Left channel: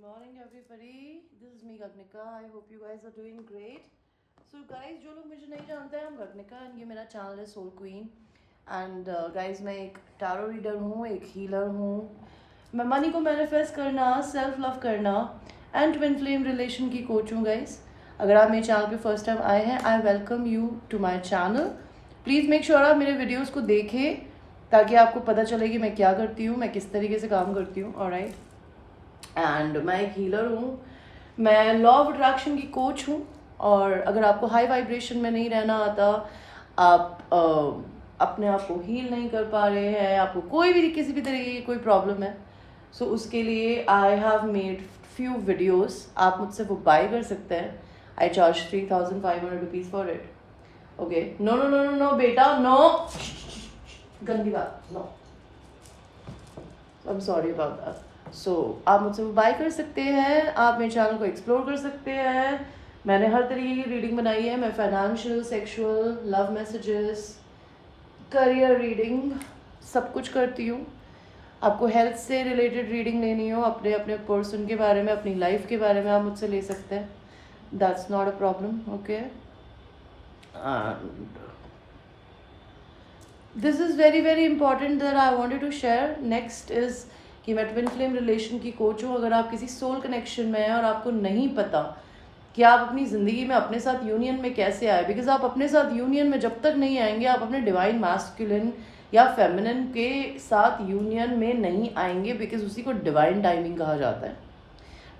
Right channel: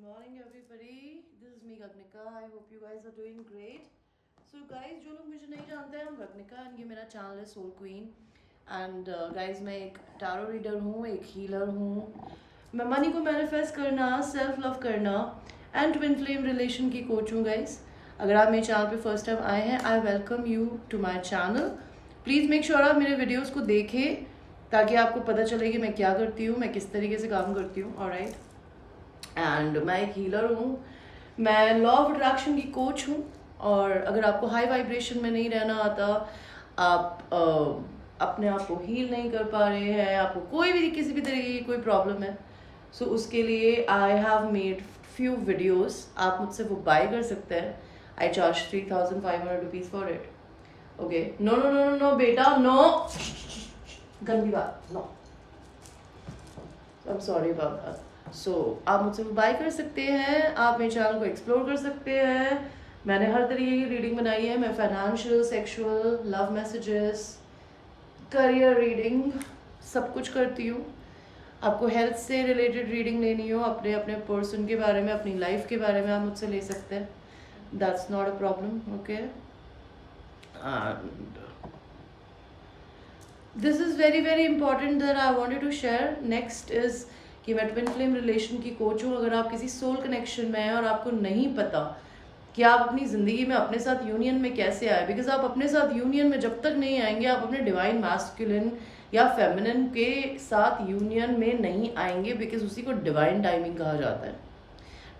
morning everybody, this is me Gagnika. I hope you guys are doing great. So guys, जो लोग मुझे नहीं जानते हैं, I'm Gagnika and ये मेरा चैनल है सोल क्वीन. एंड गाइज मैं एक टारो रीडर हूँ, एक हीलर हूँ. मैं मनी को मैनिफेस्ट करना, सेल्फ लव करना एंड ट्विन फ्लेम रिलेशन की कोच हूँ गाइज. अगर आप मेरे चैनल पे फर्स्ट टाइम आए हैं, I welcome you to my channel. Please make sure आप मेरे वीडियोज़ को देखें ताकि आपको पता चले कि मैं क्या करती हूँ, मैं किस तरीके से काम करती हूँ. ऑलराइट. एंड मैं एक हीलर हूँ, मैं लॉ ऑफ अट्रैक्शन की कोच हूँ. और अगर आपको हाई वाइब्रेशन में नहीं रहना आता, आप अपने आप को हील नहीं कर पा रहे हैं, आपको कोई भी किसी भी तरीके की कोई प्रॉब्लम है, सो उसके लिए I have made few videos. आप मुझसे वो बाय कर सकते हैं. I charge 3,500 rupees for it. Okay. No no no no no बेटा, नो, गंदी बात, no, I am sorry about that. So आप मुझसे बाय कर सकते हैं, आप मेरे चैनल को एक्सप्लोर कर सकते हैं. मैंने हर तरीके की रीडिंग बनाई है. मैं financial, sexual, love messages, career reading, सब कुछ करती हूँ. आपको हेल्थ से रिलेटेड रीडिंग लेनी हो, अपने अपने पर्सन के बारे में, अपनी लाइफ के बारे में, आप मुझसे ले सकते हैं. That's not a problem. Okay. And this is very very important that I wanted to share. Next is कि मैं ट्विन फ्लेम रिलेशन की कोच हूँ. अगर आप किसी सोल कनेक्शन में हैं और आपको नहीं पता कि आप अपनी ज़िंदगी में अपने साथ यूनियन में कैसे आए, बिकॉज आप अपने साथ यूनियन में जब तक नहीं आएंगे, आप अपने डिवाइन मैस्कुलिन या फेमिनिन के साथ यूनियन में नहीं आएंगे, बिकॉज उसी को डिवाइन टाइमिंग कहा जाता है.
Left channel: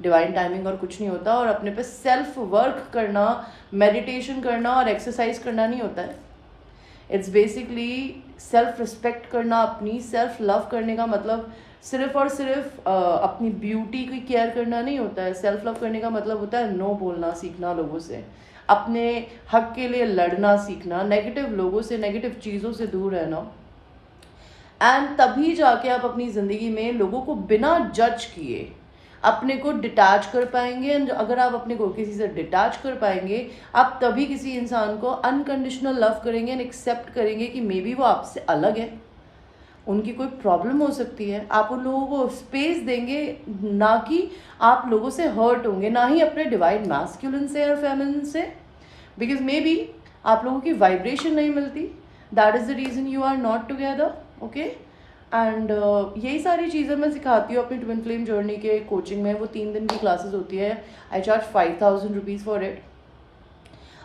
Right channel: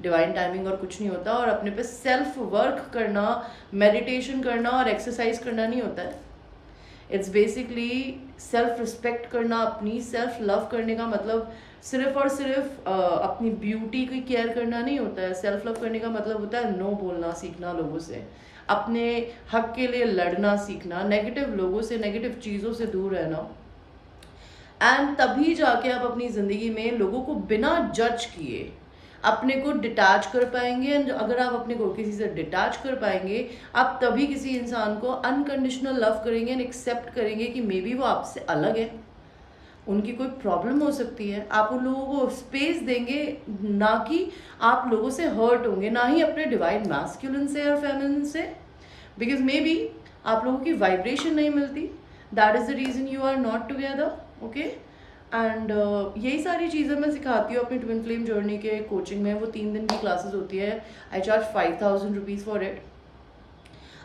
डिवाइन टाइमिंग और कुछ नहीं होता. और अपने पे सेल्फ वर्क करना, मेडिटेशन करना और एक्सरसाइज करना नहीं होता है. इट्स बेसिकली सेल्फ रिस्पेक्ट करना. अपनी सेल्फ लव करने का मतलब सिर्फ और सिर्फ अपनी ब्यूटी की केयर करना नहीं होता है. सेल्फ लव करने का मतलब होता है नो बोलना सीखना लोगों से, अपने हक के लिए लड़ना सीखना, नेगेटिव लोगों से, नेगेटिव चीज़ों से दूर रहना. एंड तभी जाके आप अपनी ज़िंदगी में लोगों को बिना जज किए अपने को डिटैच कर पाएंगे. एंड अगर आप अपने को किसी से डिटैच कर पाएंगे, आप तभी किसी इंसान को अनकंडीशनल लव करेंगे एंड एक्सेप्ट करेंगे कि मे बी वो आपसे अलग है, उनकी कोई प्रॉब्लम हो सकती है. आप उन लोगों को स्पेस देंगे, ना कि आप लोगों से हर्ट होंगे, ना ही अपने डिवाइन मैस्कुलिन से और फेमिनिन से, बिकॉज मे बी आप लोगों की वाइब्रेशन नहीं मिलती. That is the reason you are not together. Okay. And यही सारी चीज़ें मैं सिखाती हूँ अपनी ट्विन फ्लेम जर्नी के कोचिंग में. वो 3 दिन की क्लासेस होती है. I charge 5,000 rupees for it.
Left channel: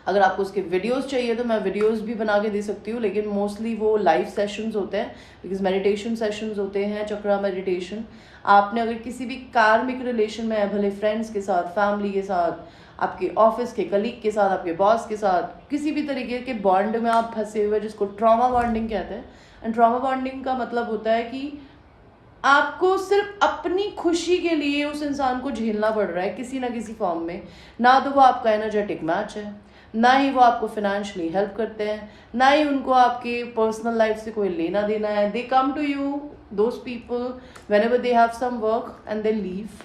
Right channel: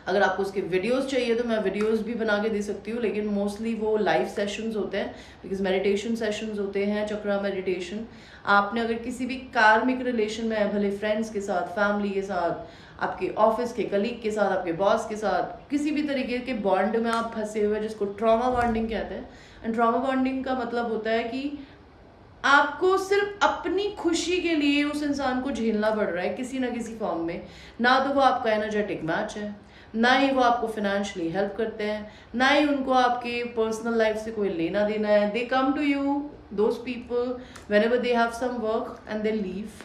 अगर आपको उसके वीडियोस चाहिए तो मैं वीडियोस भी बना के दे सकती हूँ, लेकिन मोस्टली वो लाइव सेशंस होते हैं, बिकॉज मेडिटेशन सेशंस होते हैं, चक्रा मेडिटेशन. आपने अगर किसी भी कार्मिक रिलेशन में है, भले फ्रेंड्स के साथ, फैमिली के साथ, आपके ऑफिस के कलीग के साथ, आपके बॉस के साथ, किसी भी तरीके के बॉन्ड में आप फंसे हुए, जिसको ट्रॉमा बॉन्डिंग कहते हैं. एंड ट्रॉमा बॉन्डिंग का मतलब होता है कि आपको सिर्फ अपनी खुशी के लिए उस इंसान को झेलना पड़ रहा है किसी ना किसी फॉर्म में. ना तो वो आपका एनर्जेटिक मैच है, ना ही वो आपको फाइनेंशियली हेल्प करते हैं, ना ही उनको आपके पर्सनल लाइफ से कोई लेना देना है. They come to you, those people, whenever they have some work and they leave,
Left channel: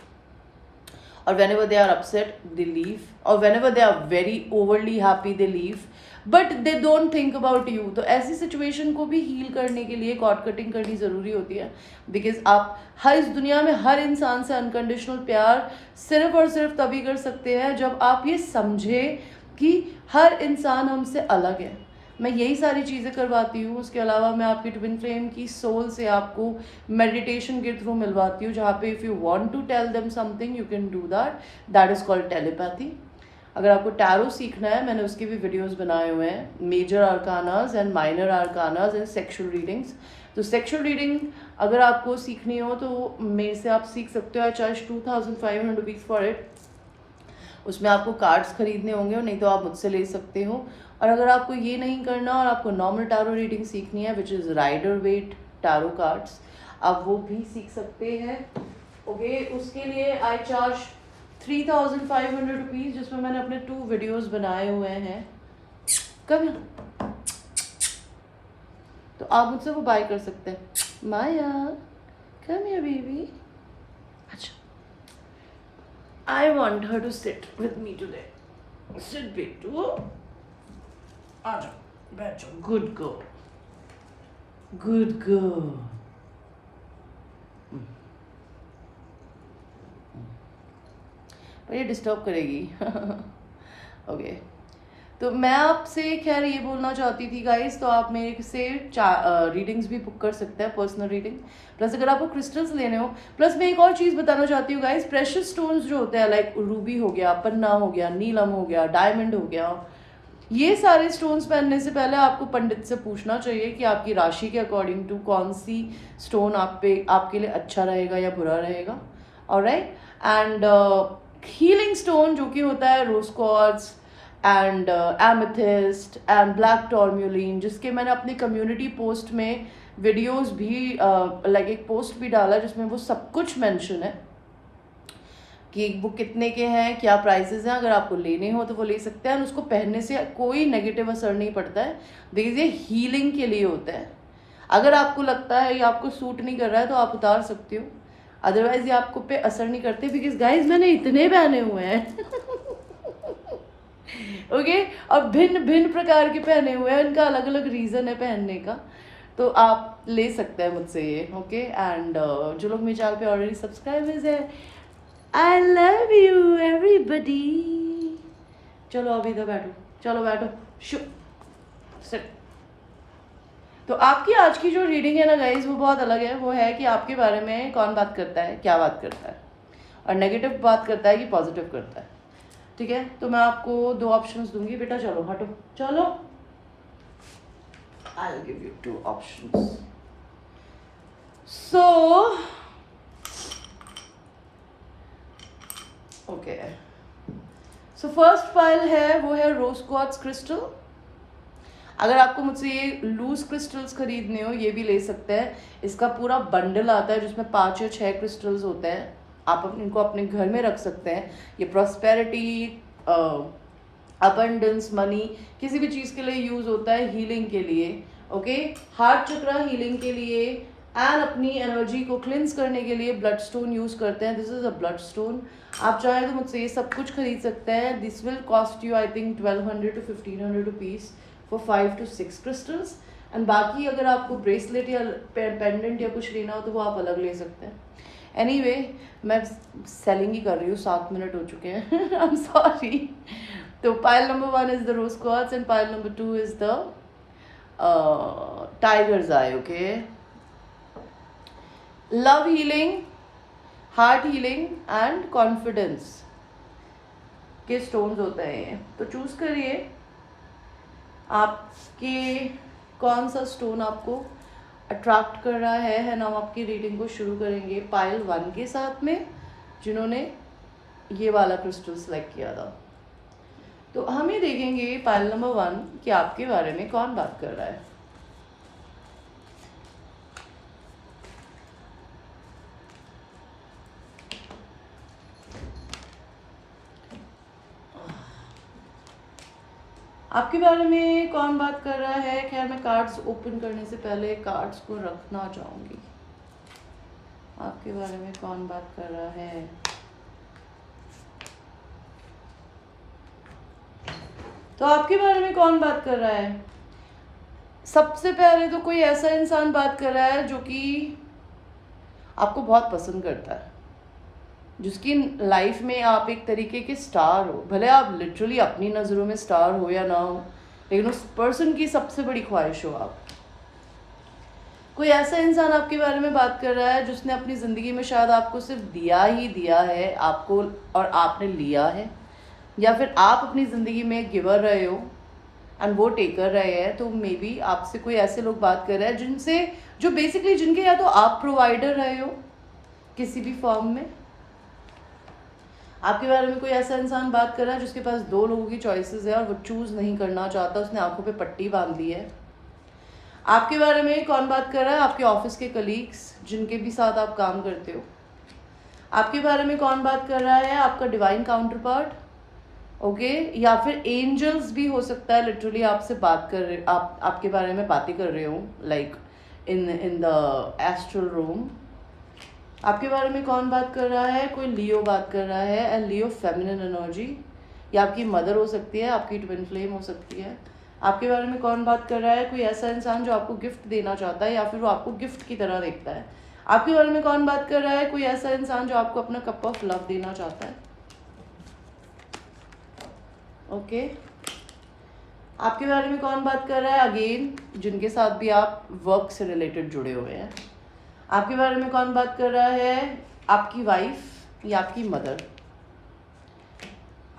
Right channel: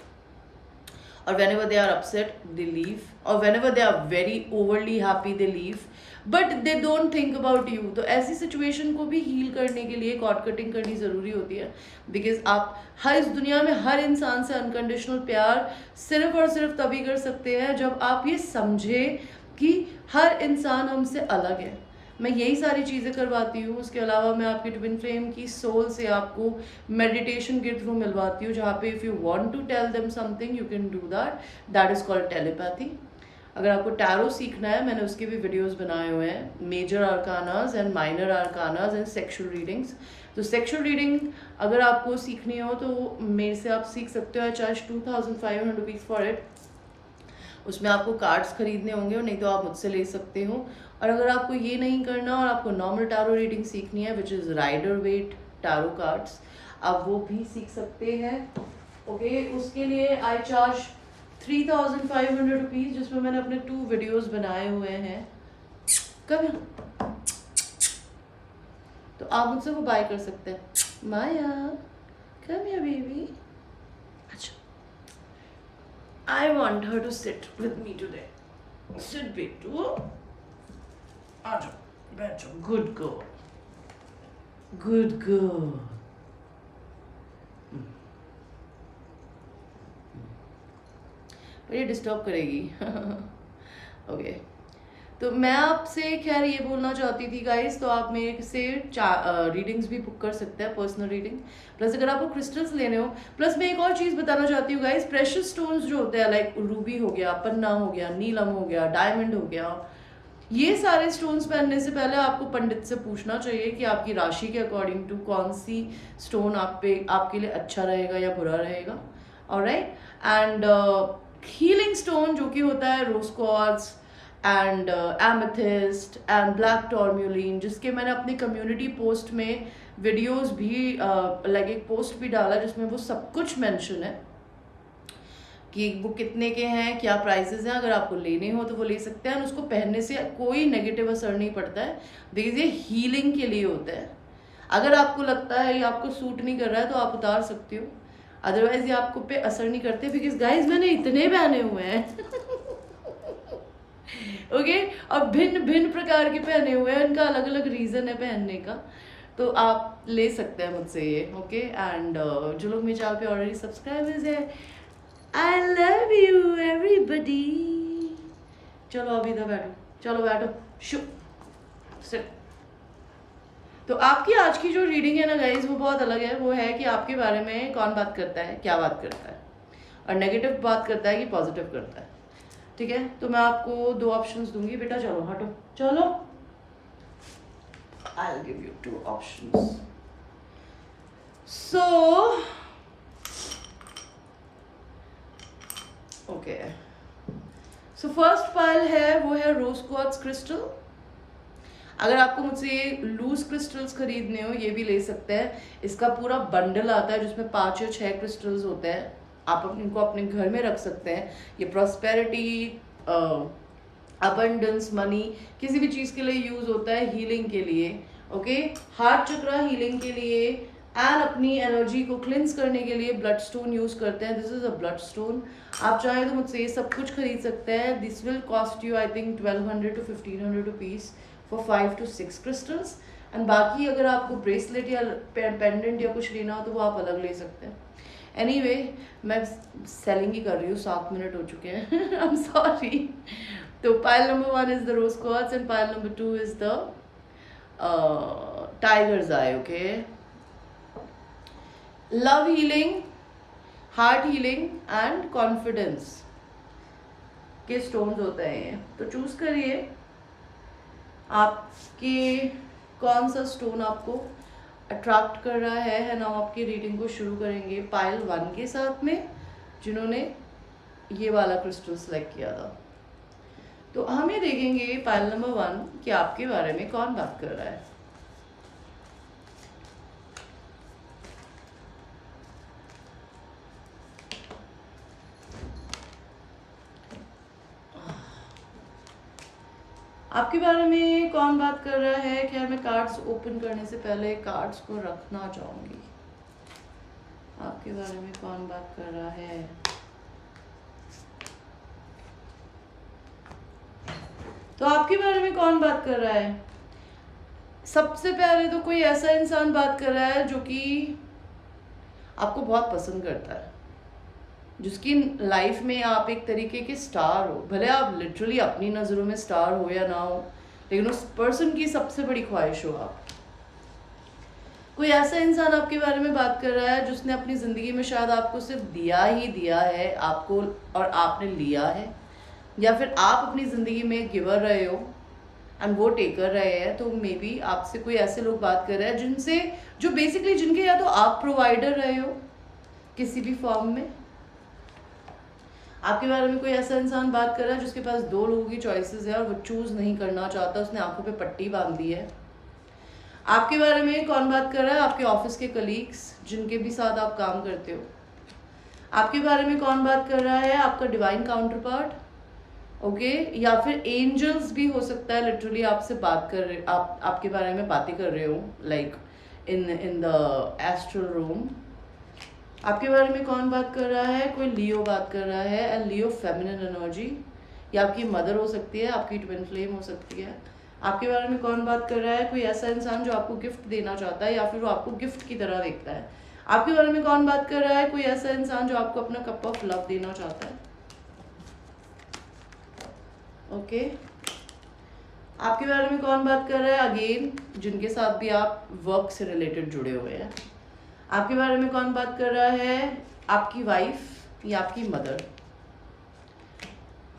or whenever they are upset they leave, or whenever they are very overly happy they leave, but they don't think about you. तो ऐसी situation को भी heal करने के लिए cord cutting करनी ज़रूरी होती है, बिकॉज आप हर इस दुनिया में हर इंसान से अनकंडीशनल प्यार सिर्फ और सिर्फ तभी कर सकते हैं जब आप ये समझें कि हर इंसान हमसे अलग है. मैं यही सारी चीज़ें करवाती हूँ. उसके अलावा मैं आपकी ट्विन फ्लेम की सोल से आपको मेडिटेशन के थ्रू मिलवाती हूँ, जहाँ पे if you want to tell them something you can do that. That is called telepathy. अगर आपको टैरो सीखना है, मैंने उसके भी वीडियोस बनाए हुए हैं, major arcanas and minor arcanas and sexual readings. तो सेक्सुअल रीडिंग अगर आपको सीखनी हो तो मेरे से आप सीख सकते हो. आई चार्ज 2,500 रुपीज़ फॉर इट. उसमें आपको कार्ड्स खरीदने होंगे, और नहीं तो आप मुझसे ले सकते हो. और अगर आपको ये नहीं करना और आपको नॉर्मल टैरो रीडिंग सीखनी है, which is Rider Waite tarot cards, आप वो भी सीख सकते हैं. ओके. उसके लिए आई चार्ज 3,500 रुपीज़, जिसमें मैंने अपने 2 वीडियोस बनाए हुए हैं. कब तो आप मुझसे वो बाय कर सकते हैं. Maya, come here baby. अच्छा, I want her to sit with me today. Sit बेटू, आ जाओ, बैठ जाओ. Good girl, good girl. पर ये डिस्टर्ब करेगी। ओके, तो मैं आपसे खैर ये बोलना चाहती थी गाइस, तो आप मेरे से रीडिंग्स भी बुक कर सकते हैं, पर्सनल रीडिंग। प्लस अगर आपको क्रिस्टल्स लेने हो, प्लस मैं एक और चीज़ बताना चाहती हूँ गाइस, प्रेशियस स्टोन्स जो होते हैं लाइक रूबी हो गया, पन्ना हो गया, नीलम हो गया, डायमंड हो गया, ये सारे स्टोन्स पहनने से पहले आपको पंडित से पूछना चाहिए कि आपकी राशि के अकॉर्डिंग टू कौन सी स्टोन आपके लिए अच्छा रहेगा या बुरा रहेगा। ऑलराइट, एंड हीलिंग स्टोन जो कि होता है rose quartz and amethyst and black tourmaline, जिसके मैंने अपनी कम्युनिटी पोस्ट में वीडियोस भी लाइक एक पोस्ट भी डाला जिसमें वो सब कुछ मेंशन है कि वो कितने के हैं, क्या प्राइसेस हैं। अगर आपको लेने हो तो वो ले सकते हैं, और उसको पहनने से कोई नेगेटिव असर नहीं पड़ता है, बिकॉज ये हीलिंग के लिए होता है। अगर आपको लगता है ये आपको सूट नहीं कर रहा है तो आप उतार सकते हो, अदरवाइज ये आपको पे असर नहीं करते, बिकॉज गाइज मैंने इतने पहने हुए हैं ओके और भिन्न भिन्न प्रकार के पहने हुए हैं, इनका अलग अलग रीज़न है पहनने का, तो आप ले सकते हैं मुझसे ये। ओके, एंड जो लोग मेरे चैनल पे ऑलरेडी सब्सक्राइबर्स है, आई लव यू एवरीबडी। चलो अभी इधर बैठो, चलो बैठो, सिट। तो आपकी आज की जो रीडिंग है ना गाइज, वो बहुत अलग है। वो है कि आपके बारे में कौन बात करता है, क्या बात करता है, और नेगेटिव बात करता है कि पॉजिटिव करता है। ठीक है, तो मैं आपको 2 ऑप्शंस दूंगी, बेटा चलो हटो, चलो I will give you 2 options. So okay, so first pile है वो है रोज क्वार्ट्ज क्रिस्टल। अगर आपको मुझसे ये लूज क्रिस्टल्स खरीदने हो, ये भी ले सकते हैं। इसका पूरा बंडल आता है जिसमें 5 या 6 क्रिस्टल्स होते हैं, आप इनको अपने घर में रख सकते हैं। ये प्रॉस्पेरिटी, अबंडेंस, मनी, किसी भी चीज़ के लिए यूज़ होता है, हीलिंग के लिए। ओके, हार्ट चक्रा हीलिंग के लिए, एंड अपनी एनर्जी को क्लिंस करने के लिए ब्लड स्टोन यूज़ करते हैं। This is a blood stone. आप चाहें तो मुझसे ये सब कुछ खरीद सकते हैं। This will cost you I think 1200 to 1500 rupees for 5 to 6 crystals. And बाकी अगर आपको ब्रेसलेट या पेंडेंट या कुछ लेना हो तो वो आप अलग ले सकते हैं। एनीवे, मैं सेलिंग ही कर रही हूँ, 7 मिनट हो चुके हैं आई एम सॉरी। तो pile number 1 is the rose quartz and pile number 2 is the tiger's eye. Okay, love healing, heart healing and confidence के स्टोन्स होते हैं। तो चूज करिए आपके कौन सा स्टोन आपको अट्रैक्ट कर रहा है ना। हम आपकी रीडिंग को शुरू करेंगे पाइल 1 के साथ में, जिन्होंने ये वाला क्रिस्टल सेलेक्ट किया था। तो हम ये देखेंगे पाइल नंबर 1 कि आपके बारे में कौन बात कर रहा है। आपके बारे में कौन बात कर रहा है। क्या मैं कार्ड्स ओपन करने से पहले कार्ड्स को रखना चाहूंगी। आपके बारे में कौन बात कर रहा है। तो आपके बारे में कौन बात कर रहा है। सबसे पहले तो कोई ऐसा इंसान बात कर रहा है जो कि आपको बहुत पसंद करता है, जिसकी लाइफ में आप एक तरीके के स्टार हो। भले आप लिटरली अपनी नज़रों में स्टार हो या ना हो, लेकिन उस पर्सन की सबसे बड़ी ख्वाहिश हो आप। कोई ऐसा इंसान आपके बारे में बात कर रहा है जिसने अपनी ज़िंदगी में शायद आपको सिर्फ दिया ही दिया है आपको, और आपने लिया है, या फिर आप अपनी ज़िंदगी में गिवर रहे हो एंड वो टेकर रहे हैं। तो मे बी आपसे कोई ऐसे लोग बात कर रहे हैं जिनसे, जो बेसिकली जिनके या तो आप प्रोवाइडर रहे हो किसी भी फॉर्म में। आपके बारे में कोई ऐसा इंसान बात कर रहा है जिसके पास 2 लोगों की चॉइसेस है और वो चूज़ नहीं करना चाहता, उसने आंखों पे पट्टी बांध ली है। आपके बारे में कौन बात कर रहा है। आपके ऑफिस के कलीग्स जिनके भी साथ आप काम करते हो। आपके बारे में कौन बात कर रहा है। आपका डिवाइन काउंटर पार्ट, ओके, या फिर एंजल्स भी हो सकता है, लिटरली आपसे बात कर रहे, आपके बारे में बातें कर रहे हो, like in the astral room. आपके बारे में कौन बात कर रहा है। कोई लियो बात कर रहा है, एंड लियो फेमिनिन एनर्जी, या आपकी मदर हो सकती है, आपकी ट्विन फ्लेम हो सकती है। आपके बारे में कौन बात कर रहा है। कोई ऐसा इंसान जो आपको गिफ्ट देना चाहता है या फिर वो आपको गिफ्ट की तरह देखता है। आपके बारे में कौन बात कर रहा है। कोई ऐसा इंसान जो आपको अपना कप ऑफ लव देना चाहता है। ओके, आपके बारे में कौन बात कर रहा है? अगेन, जिनके साथ भी आप वर्क से रिलेटेड जुड़े हुए हैं। आपके बारे में कौन बात कर रहा है? आपकी वाइफ या आपकी मदर।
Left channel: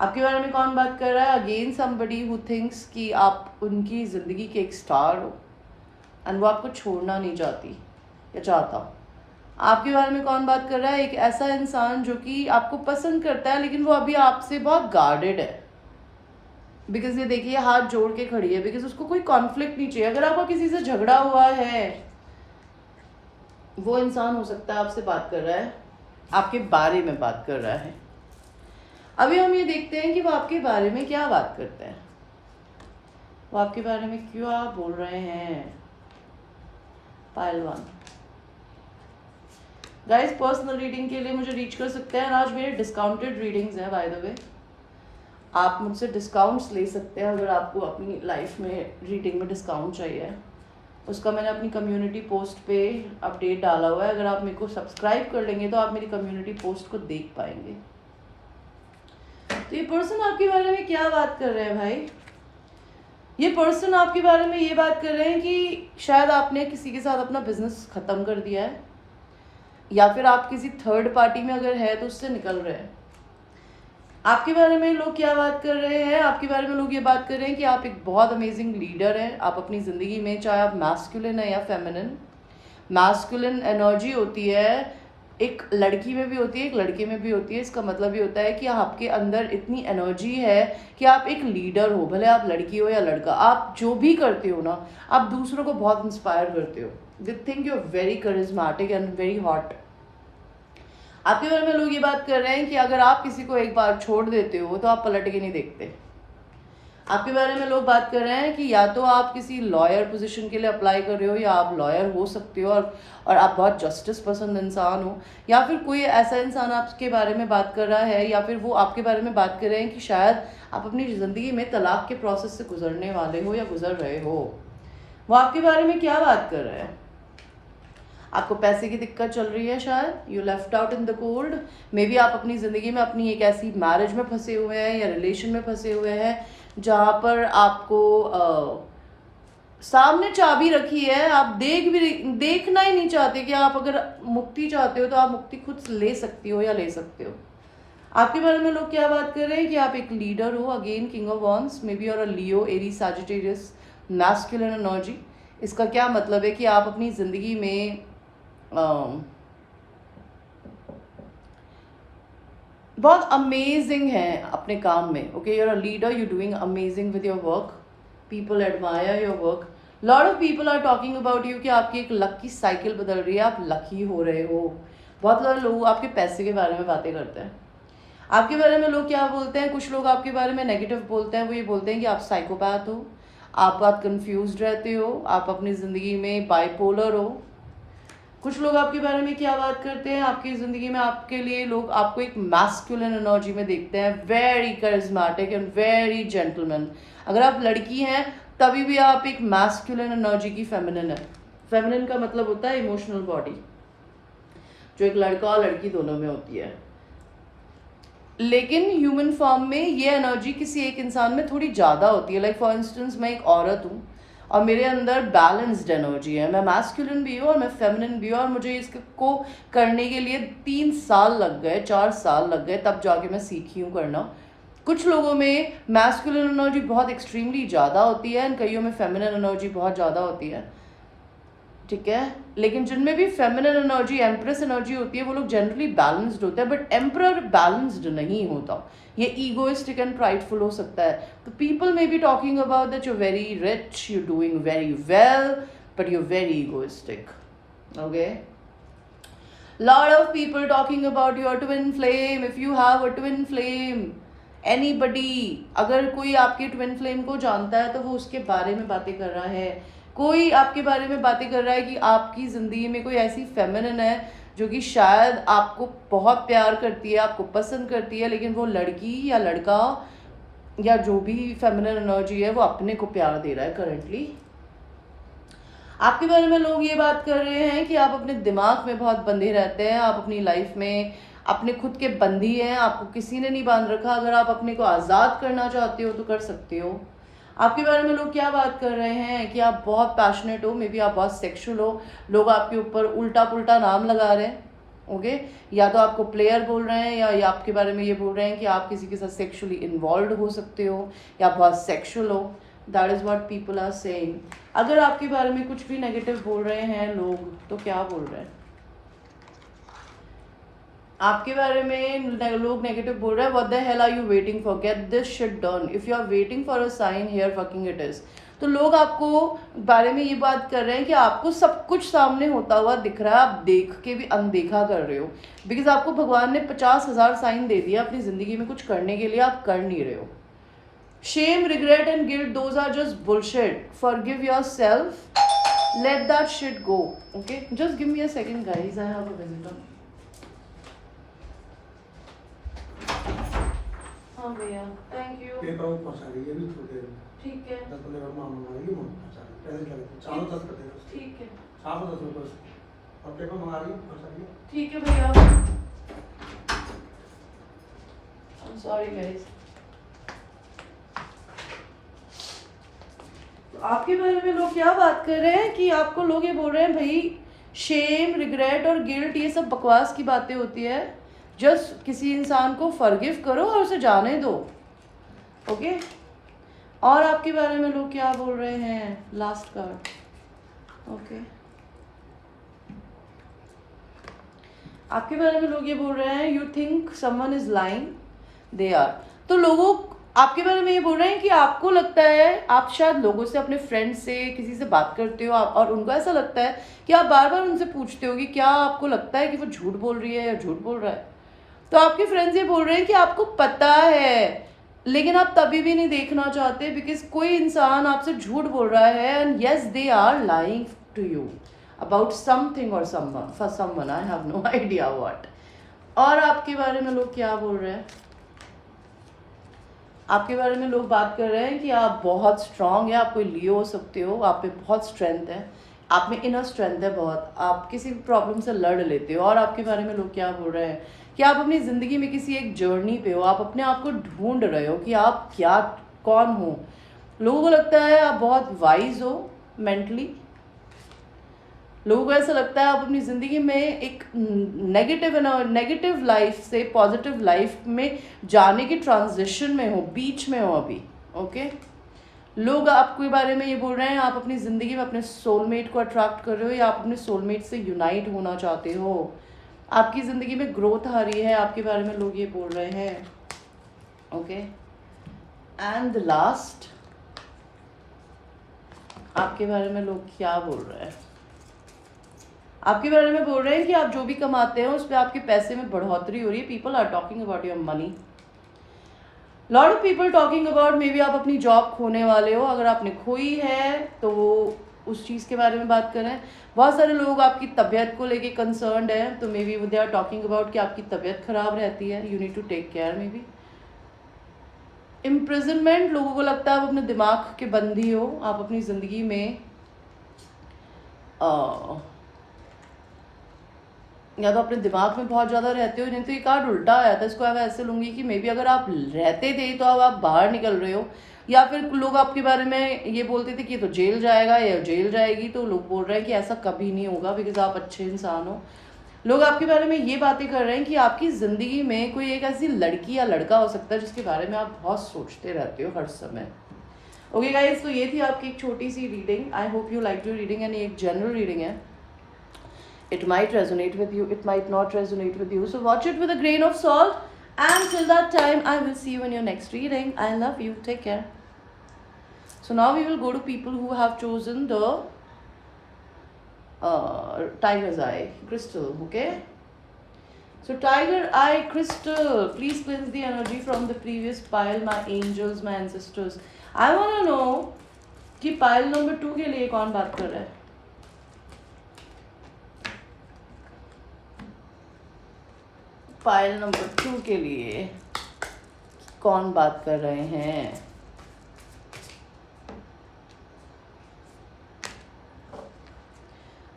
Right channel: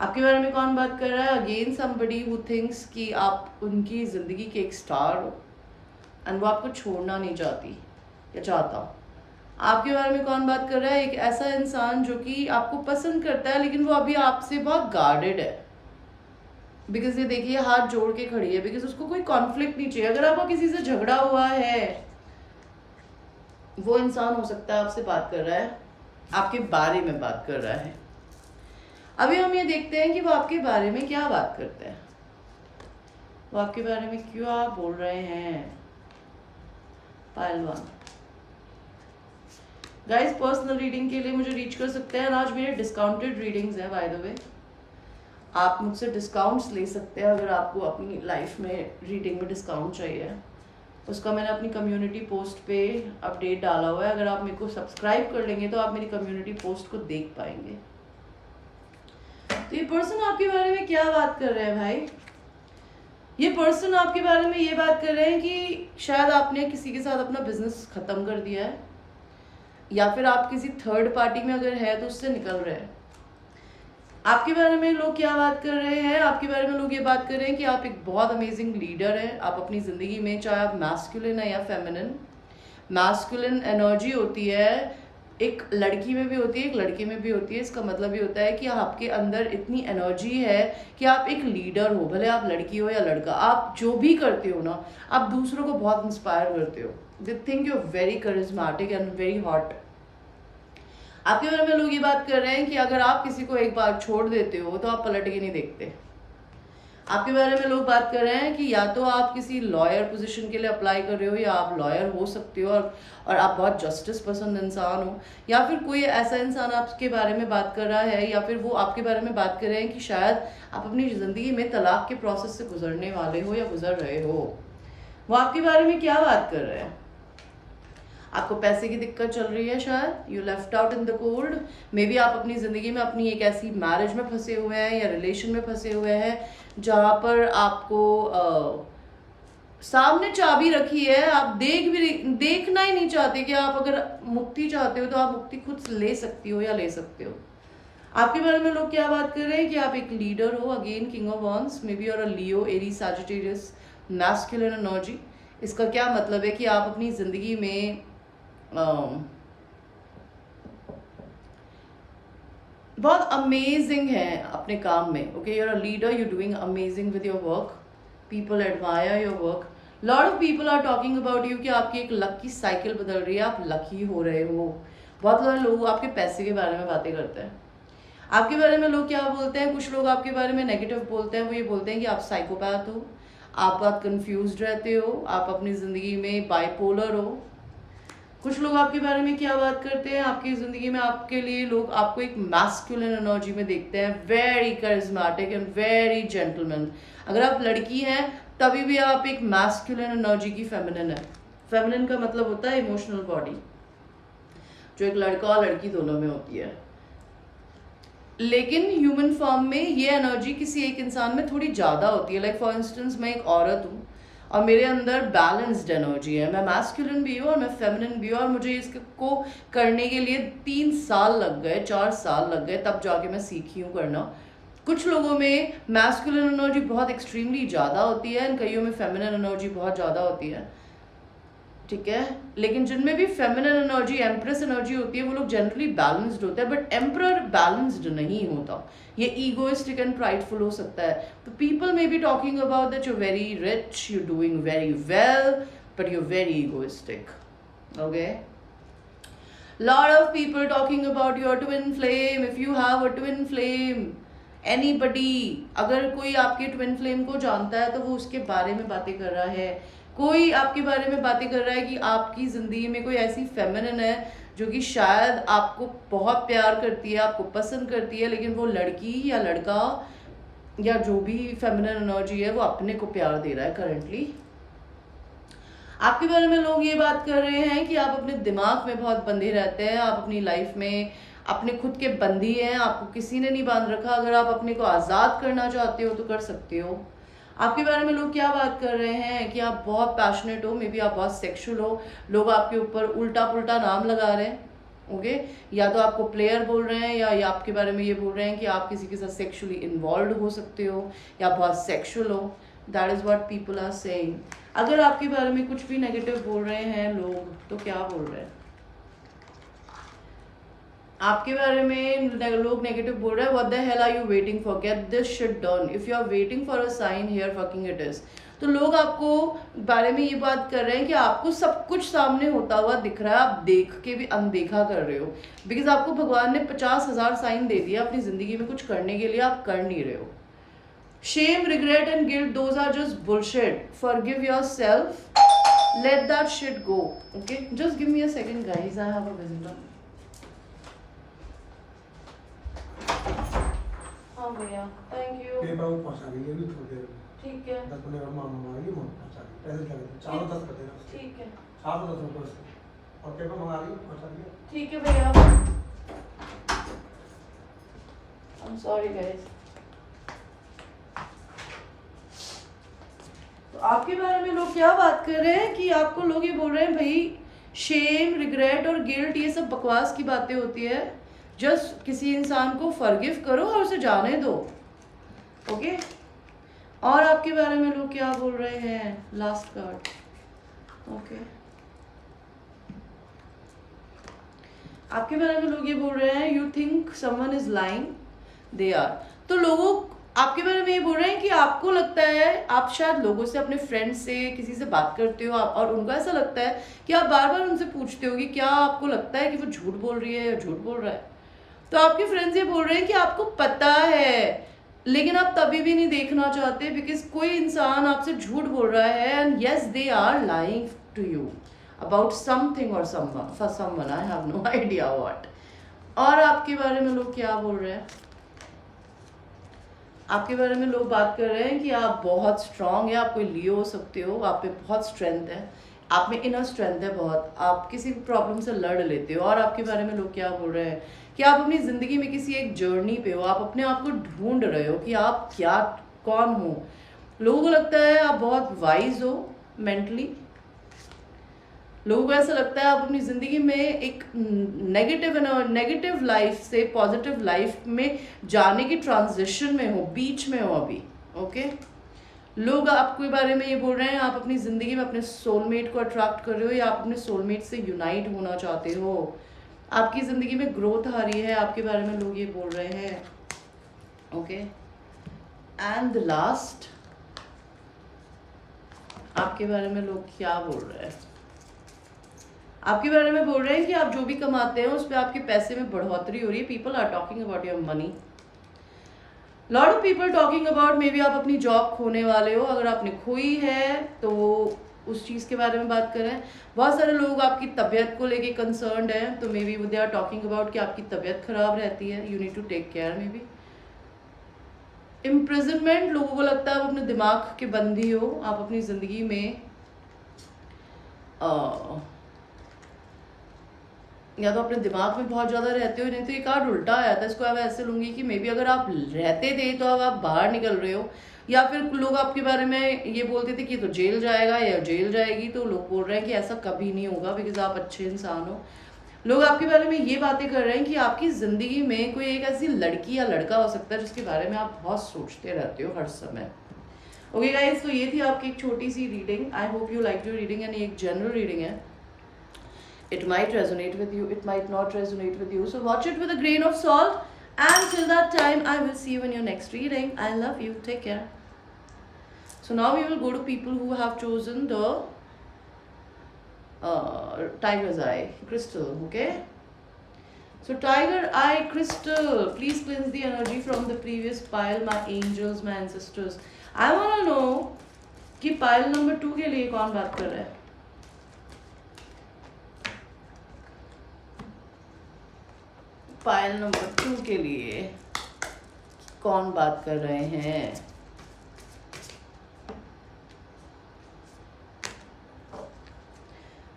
आपके बारे में कौन बात कर रहा है? अगेन समबडी हु थिंक्स कि आप उनकी ज़िंदगी के एक स्टार हो एंड वो आपको छोड़ना नहीं चाहती या चाहता। आपके बारे में कौन बात कर रहा है? एक ऐसा इंसान जो कि आपको पसंद करता है लेकिन वो अभी आपसे बहुत गार्डेड है, बिकॉज ये देखिए हाथ जोड़ के खड़ी है, बिकॉज उसको कोई कॉन्फ्लिक्ट नहीं चाहिए। अगर आपका किसी से झगड़ा हुआ है, वो इंसान हो सकता है आपसे बात कर रहा है, आपके बारे में बात कर रहा है। अभी हम ये देखते हैं कि वो आपके बारे में क्या बात करते हैं, वो आपके बारे में क्यों आप बोल रहे हैं। पाइल 1 गाइस, पर्सनल रीडिंग के लिए मुझे रीच कर सकते हैं। आज मेरे डिस्काउंटेड रीडिंग्स हैं बाय द वे, आप मुझसे डिस्काउंट्स ले सकते हैं अगर आपको अपनी लाइफ में रीडिंग में डिस्काउंट चाहिए। उसका मैंने अपनी कम्युनिटी पोस्ट पे अपडेट डाला हुआ है, अगर आप मेरे को सब्सक्राइब कर लेंगे तो आप मेरी कम्युनिटी पोस्ट को देख पाएंगे। तो ये पर्सन आपके बारे में क्या बात कर रहे हैं भाई? ये पर्सन आपके बारे में ये बात कर रहे हैं कि शायद आपने किसी के साथ अपना बिजनेस ख़त्म कर दिया है, या फिर आप किसी थर्ड पार्टी में अगर है तो उससे निकल रहे हैं। आपके बारे में लोग क्या बात कर रहे हैं? आपके बारे में लोग ये बात कर रहे हैं कि आप एक बहुत अमेजिंग लीडर हैं। आप अपनी ज़िंदगी में, चाहे आप मैस्कुलिन है या फेमिनिन, मैस्कुलिन एनर्जी होती है, एक लड़की में भी होती है, एक लड़के में भी होती है। इसका मतलब ये होता है कि आपके अंदर इतनी एनर्जी है कि आप एक लीडर हो, भले आप लड़की हो या लड़का। आप जो भी करते हो ना, आप दूसरों को बहुत इंस्पायर करते हो। They think you are very charismatic and very hot. आपके बारे में लोग ये बात कर रहे हैं कि अगर आप किसी को एक बार छोड़ देते हो तो आप पलट के नहीं देखते। आपके बारे में लोग बात कर रहे हैं कि या तो आप किसी लॉयर पोजीशन के लिए अप्लाई कर रहे हो, या आप लॉयर हो सकते हो और आप बहुत जस्टिस पसंद इंसान हो, या फिर कोई ऐसा इंसान आपके बारे में बात कर रहा है, या फिर वो आपके बारे में बात कर रहे हैं कि शायद आप अपनी ज़िंदगी में तलाक के प्रोसेस से गुजरने वाले हो या गुजर रहे हो। वो आपके बारे में क्या बात कर रहे हैं? आपको पैसे की दिक्कत चल रही है, शायद you left out in the cold. May be आप अपनी ज़िंदगी में अपनी एक ऐसी मैरिज में फंसे हुए हैं या रिलेशन में फंसे हुए हैं जहाँ पर आपको सामने चाबी रखी है, आप देखना ही नहीं चाहते कि आप अगर मुक्ति चाहते हो तो आप मुक्ति खुद से ले सकती हो या ले सकते हो। आपके बारे में लोग क्या बात कर रहे हैं कि आप एक लीडर हो। Again king of wands, may be और लियो, एरीज, सैजिटेरियस, मैस्कुलिन एनर्जी। इसका क्या मतलब है कि आप अपनी ज़िंदगी में बहुत अमेजिंग है अपने काम में। Okay, you are a leader, you doing amazing with your work, people admire your work, lot of people are talking about you कि आपकी एक लक की साइकिल बदल रही है, आप लकी हो रहे हो। बहुत सारे लोग आपके पैसे के बारे में बातें करते हैं। आपके बारे में लोग क्या बोलते हैं? कुछ लोग आपके बारे में नेगेटिव बोलते हैं। वो ये बोलते हैं कि आप साइकोपैथ हो, आप बहुत कन्फ्यूज रहते हो, आप अपनी ज़िंदगी में बाइपोलर हो। कुछ लोग आपके बारे में क्या बात करते हैं? आपकी ज़िंदगी में आपके लिए लोग आपको एक मैस्कुलिन एनर्जी में देखते हैं, very charismatic and very gentleman. अगर आप लड़की हैं तभी भी आप एक मैस्कुलिन एनर्जी की फेमिनिन है। फेमिनिन का मतलब होता है इमोशनल बॉडी, जो एक लड़का और लड़की दोनों में होती है। लेकिन ह्यूमन फॉर्म में ये एनर्जी किसी एक इंसान में थोड़ी ज़्यादा होती है। लाइक फॉर इंस्टेंस, मैं एक औरत हूँ और मेरे अंदर बैलेंस्ड एनर्जी है। मैं मैस्कुलिन भी हूँ और मैं फेमिनिन भी हूँ, और मुझे इसको करने के लिए 3 साल लग गए, 4 साल लग गए, तब जाके मैं सीखी हूँ करना। कुछ लोगों में मैस्कुलिन एनर्जी बहुत एक्सट्रीमली ज़्यादा होती है, और कईयों में फेमिनिन एनर्जी बहुत ज़्यादा होती है, ठीक है। लेकिन जिनमें भी फेमिनिन एनर्जी, एम्प्रेस एनर्जी होती है, वो लोग जनरली बैलेंस्ड होते हैं, बट एम्परर बैलेंस्ड नहीं होता। ये ईगोइस्टिक एंड प्राइडफुल हो सकता है। तो people may be talking about that you very rich, you doing very well, but you very egoistic. Okay, lot of people talking about your twin flame. If you have a twin flame, anybody, अगर कोई आपके twin flame को जानता है तो वो उसके बारे में बातें कर रहा है। कोई आपके बारे में बातें कर रहा है कि आपकी ज़िंदगी में कोई ऐसी फेमिनिन है जो कि शायद आपको बहुत प्यार करती है, आपको पसंद करती है, लेकिन वो लड़की या लड़का या जो भी फेमिनिन एनर्जी है वो अपने को प्यार दे रहा है करंटली। आपके बारे में लोग ये बात कर रहे हैं कि आप अपने दिमाग में बहुत बंधे रहते हैं, आप अपनी लाइफ में अपने खुद के बंदी हैं, आपको किसी ने नहीं बांध रखा। अगर आप अपने को आज़ाद करना चाहते हो तो कर सकते हो। आपके बारे में लोग क्या बात कर रहे हैं कि आप बहुत पैशनेट हो, मे बी आप बहुत सेक्सुअल हो, लोग आपके ऊपर उल्टा पुल्टा नाम लगा रहे हैं। ओके, या तो आपको प्लेयर बोल रहे हैं या आपके बारे में ये बोल रहे हैं कि आप किसी के साथ सेक्सुअली इन्वॉल्व हो सकते हो या बहुत सेक्सुअल हो। That is what people are saying. अगर आपके बारे में कुछ भी नेगेटिव बोल रहे हैं लोग तो क्या बोल रहे हैं आपके बारे में? लोग नेगेटिव बोल रहे हैं, what the hell are you waiting for, get this shit done, if you are waiting for a sign here fucking it is. तो लोग आपको बारे में ये बात कर रहे हैं कि आपको सब कुछ सामने होता हुआ दिख रहा है, आप देख के भी अनदेखा कर रहे हो, बिकॉज आपको भगवान ने 50,000 साइन दे दिया अपनी जिंदगी में कुछ करने के लिए, आप कर नहीं रहे हो। Shame, regret and guilt, those are just bullshit. Forgive yourself, let that shit go. Okay, just give me a second guys, I have a visitor. हाँ भैया, थैंक यू। ये बाबू पहुंचा देंगे भी थोड़ी देर में। ठीक है। 10 मिनट में मंगाएंगे, पहुंचा देंगे। पैसे क्या लेते हैं? 410 का दे दो। ठीक है। 410 रुपए से। और पेपर मंगा दिए, पहुंचा दिए। ठीक है भैया। I'm sorry guys. तो आपके बारे में लोग क्या बात कर रहे हैं कि आपको लोग ये बोल रहे हैं भाई शेम, रिग्रेट और गिल्ट ये सब बकवास की बातें होती है। जस्ट किसी इंसान को फॉरगिव करो और उसे जाने दो। ओके, और आपके बारे में लोग क्या बोल रहे हैं? Last card. ओके, आपके बारे में लोग ये बोल रहे हैं you think someone is lying, they are. तो लोगों आपके बारे में ये बोल रहे हैं कि आपको लगता है, आप शायद लोगों से, अपने फ्रेंड से, किसी से बात करते हो और उनको ऐसा लगता है कि आप बार बार उनसे पूछते हो कि क्या आपको लगता है कि वो झूठ बोल रही है या झूठ बोल रहा है। तो आपके फ्रेंड्स ये बोल रहे हैं कि आपको पता है लेकिन आप तभी भी नहीं देखना चाहते, बिकॉज कोई इंसान आपसे झूठ बोल रहा है and yes they are lying to you about something और someone, for someone I have no idea what. और आपके बारे में लोग क्या बोल रहे हैं? आपके बारे में लोग बात कर रहे हैं कि आप बहुत स्ट्रांग है, आप कोई लियो हो सकते हो, आप में बहुत स्ट्रेंथ है, आप में इनर स्ट्रेंथ है बहुत, आप किसी भी प्रॉब्लम से लड़ लेते हो। और आपके बारे में लोग क्या बोल रहे हैं कि आप अपनी ज़िंदगी में किसी एक जर्नी पे हो, आप अपने आप को ढूंढ रहे हो कि आप क्या, कौन हो। लोगों को लगता है आप बहुत वाइज हो मेंटली, लोगों को ऐसा लगता है आप अपनी ज़िंदगी में एक नेगेटिव लाइफ से पॉजिटिव लाइफ में जाने की ट्रांजिशन में हो, बीच में हो अभी। ओके, लोग आपके बारे में ये बोल रहे हैं आप अपनी ज़िंदगी में अपने सोलमेट को अट्रैक्ट कर रहे हो या आप अपने सोलमेट से यूनाइट होना चाहते हो, आपकी ज़िंदगी में ग्रोथ आ रही है, आपके बारे में लोग ये बोल रहे हैं। ओके, एंड लास्ट, आपके बारे में लोग क्या बोल रहे हैं? आपके बारे में बोल रहे हैं कि आप जो भी कमाते हो उस पर आपके पैसे में बढ़ोतरी हो रही है। People are talking about your money, lot of people talking about maybe आप अपनी जॉब खोने वाले हो, अगर आपने खोई है तो वो उस चीज़ के बारे में बात करें। बहुत सारे लोग आपकी तबीयत को लेके कंसर्न्ड हैं, तो maybe they are talking about कि आपकी तबीयत खराब रहती है, you need to take care. Maybe imprisonment, लोगों को लगता है आप अपने दिमाग के बंदी हो, आप अपनी ज़िंदगी में या तो अपने दिमाग में बहुत ज़्यादा रहते हो, नहीं तो ये कार्ड उल्टा आया था, इसको अब ऐसे लूँगी कि मे बी अगर आप रहते थे तो अब आप बाहर निकल रहे हो, या फिर लोग आपके बारे में ये बोलते थे कि तो जेल जाएगा या जेल जाएगी, तो लोग बोल रहे हैं कि ऐसा कभी नहीं होगा बिकॉज आप अच्छे इंसान हो। लोग आपके बारे में ये बातें कर रहे हैं कि आपकी ज़िंदगी में कोई एक ऐसी लड़की या लड़का हो सकता है जिसके बारे में आप बहुत सोचते रहते हो हर समय। ओके गाइज, तो ये थी आपकी एक छोटी सी reading. I hope you like your reading, and ये एक जनरल रीडिंग है। It might resonate with you, it might not resonate with you, so watch it with a grain of salt, and till that time I will see you in your next reading. I love you, take care. So now we will go to people who have chosen the tiger's eye crystal. Okay, so tiger eye crystal, please cleanse the energy from the previous pile, my angels, my ancestors. I want to know कि pile number 2 के लिए कौन बात कर रहा है? Pile number 2 के लिए कौन बात कर रहे हैं?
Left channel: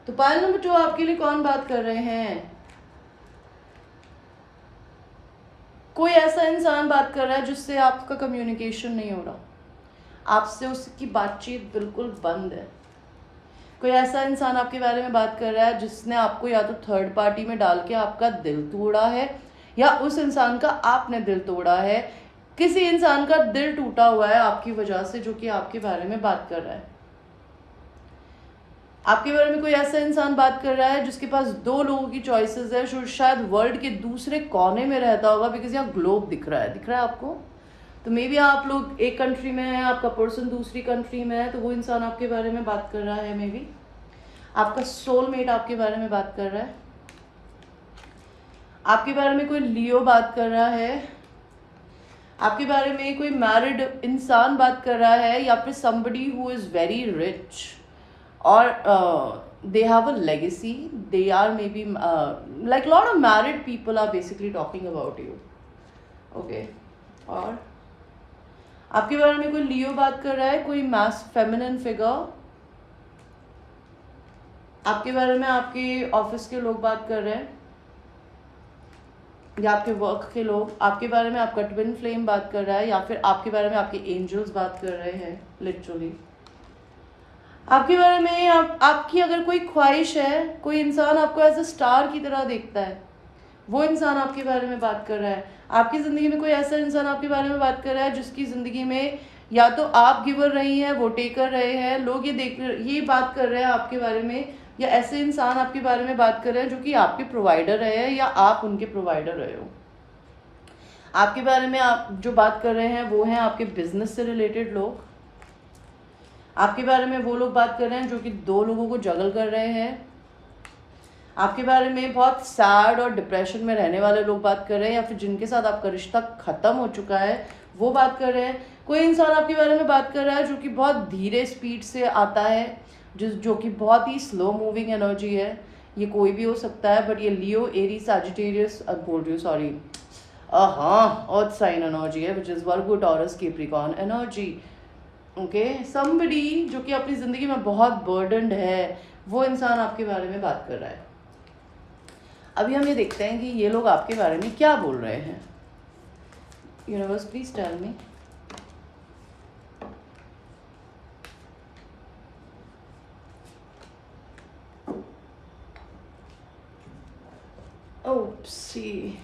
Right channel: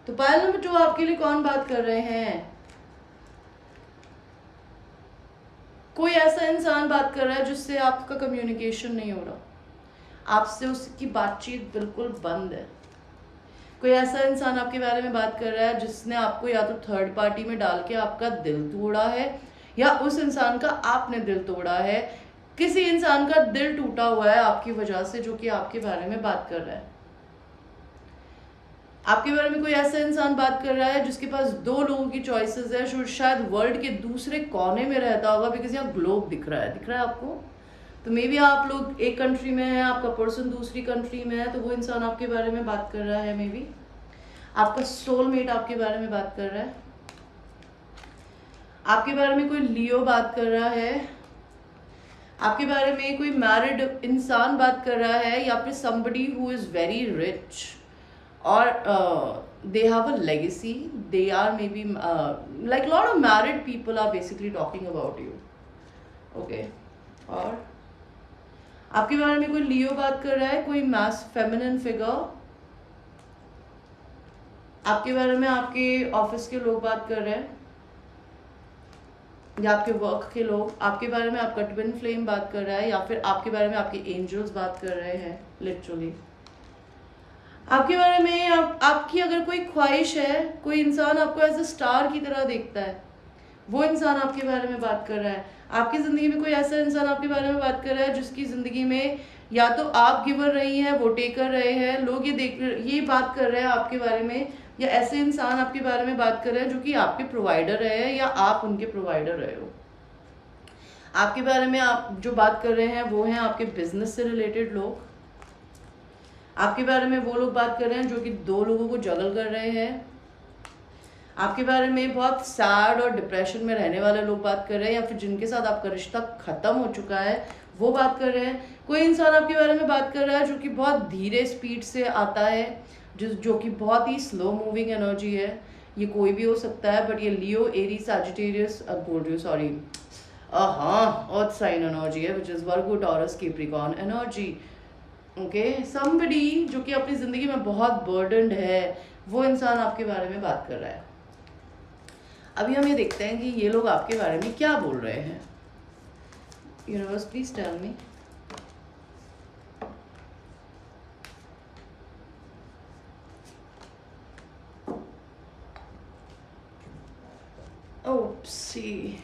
तो पाइल नंबर 2 आपके लिए कौन बात कर रहे हैं? कोई ऐसा इंसान बात कर रहा है जिससे आपका कम्युनिकेशन नहीं हो रहा, आपसे उसकी बातचीत बिल्कुल बंद है। कोई ऐसा इंसान आपके बारे में बात कर रहा है जिसने आपको या तो थर्ड पार्टी में डाल के आपका दिल तोड़ा है, या उस इंसान का आपने दिल तोड़ा है। किसी इंसान का दिल टूटा हुआ है आपकी वजह से, जो कि आपके बारे में बात कर रहा है। आपके बारे में कोई ऐसा इंसान बात कर रहा है जिसके पास 2 लोगों की चॉइसेस है, जो शायद वर्ल्ड के दूसरे कोने में रहता होगा, बिकॉज यहाँ ग्लोब दिख रहा है आपको। तो मे बी आप लोग एक कंट्री में है, आपका पर्सन दूसरी कंट्री में है, तो वो इंसान आपके बारे में बात कर रहा है। मे बी आपका सोलमेट आपके बारे में बात कर रहा है। आपके बारे में कोई लियो बात कर रहा है। आपके बारे में कोई मैरिड इंसान बात कर रहा है, या फिर somebody who is very rich or they have a legacy, they are maybe like lot of married people are basically talking about you, okay। और आपके बारे में कोई लियो बात कर रहा है, कोई मास फेमिनिन फिगर। आपके बारे में आपके ऑफिस के लोग बात कर रहे हैं, या आपके वर्क के लोग। आपके बारे में आपका ट्विन फ्लेम बात कर रहा है, या फिर आपके बारे में आपके एंजल्स बात कर रहे हैं लिटरली। आपके बारे में आपकी अगर कोई ख्वाहिश है, कोई इंसान आपको एज ए स्टार की तरह देखता है, वो इंसान आपके बारे में बात कर रहा है। आपकी ज़िंदगी में कोई ऐसा इंसान आपके बारे में बात कर रहा है जिसकी ज़िंदगी में या तो आप गिवर रही हैं, वो टेकर रहे हैं, लोग ये बात कर रहे हैं आपके बारे में, या ऐसे इंसान आपके बारे में बात कर रहे हैं जो कि आपके प्रोवाइडर रहे हैं या आप उनके प्रोवाइडर रहे हो। आपके बारे में आप जो बात कर रहे हैं वो हैं आपके बिजनेस से रिलेटेड लोग। आपके बारे में वो लोग बात कर रहे हैं जो कि 2 लोगों को जगल कर रहे हैं। आपके बारे में बहुत सैड और डिप्रेशन में रहने वाले लोग बात कर रहे हैं, या फिर जिनके साथ आपका रिश्ता ख़त्म हो चुका है वो बात कर रहे हैं। कोई इंसान आपके बारे में बात कर रहा है जो कि बहुत धीरे स्पीड से आता है, जो कि बहुत ही स्लो मूविंग एनर्जी है। ये कोई भी हो सकता है, बट ये Leo, Aries, Sagittarius, earth sign energy है, which is Virgo, Taurus, Capricorn energy, okay. Somebody जो कि अपनी ज़िंदगी में बहुत बर्डनड है, वो इंसान आपके बारे में बात कर रहा है। अभी हम ये देखते हैं कि ये लोग आपके बारे में क्या बोल रहे हैं। Universe please tell me. Oopsie.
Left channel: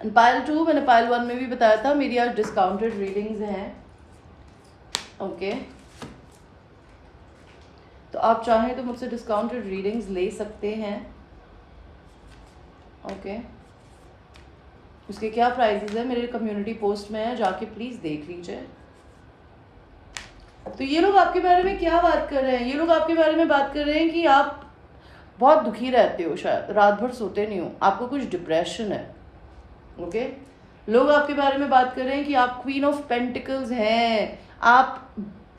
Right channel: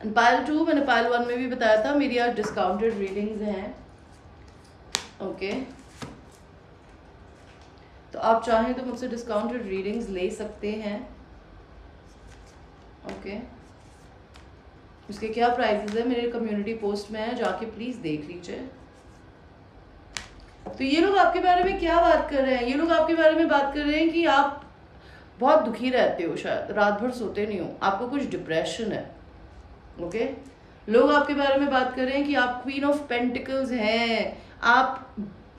And pile 2 मैंने पाइल 1 में भी बताया था, मेरी आज डिस्काउंटेड रीडिंग्स हैं, ओके। तो आप चाहें तो मुझसे डिस्काउंटेड रीडिंग्स ले सकते हैं, ओके। उसके क्या प्राइसेस है मेरे कम्युनिटी पोस्ट में है, जाके प्लीज़ देख लीजिए। तो ये लोग आपके बारे में क्या बात कर रहे हैं? ये लोग आपके बारे में बात कर रहे हैं कि आप बहुत दुखी रहते हो, शायद रात भर सोते नहीं हो, आपको कुछ डिप्रेशन है, ओके। लोग आपके बारे में बात कर रहे हैं कि आप क्वीन ऑफ पेंटिकल्स हैं, आप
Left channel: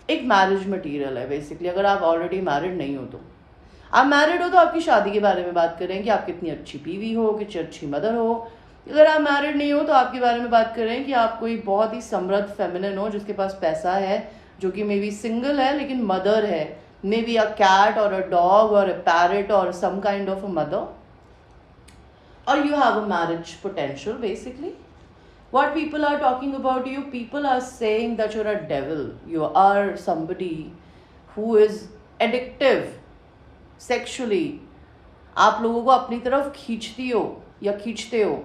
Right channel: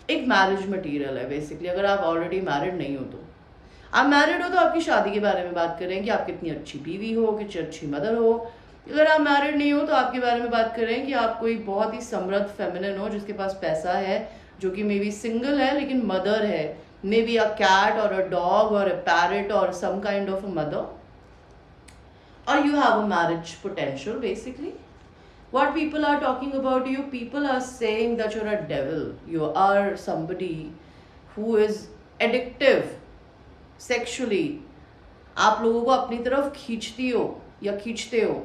एक मैरिज मटेरियल है बेसिकली। अगर आप ऑलरेडी मैरिड नहीं हो तो, आप मैरिड हो तो आपकी शादी के बारे में बात कर रहे हैं कि आप कितनी अच्छी बीवी हो, कितनी अच्छी मदर हो। अगर आप मैरिड नहीं हो तो आपके बारे में बात कर रहे हैं कि आप कोई बहुत ही समृद्ध फेमिनिन हो जिसके पास पैसा है, जो कि मे बी सिंगल है लेकिन मदर है, मे बी अ कैट और अ डॉग और अ पैरट और some kind of a mother, और you have a marriage potential basically. What people are talking about you, people are saying that you're a devil, you are somebody who is addictive sexually. आप लोगों को अपनी तरफ खींचती हो या खींचते हो,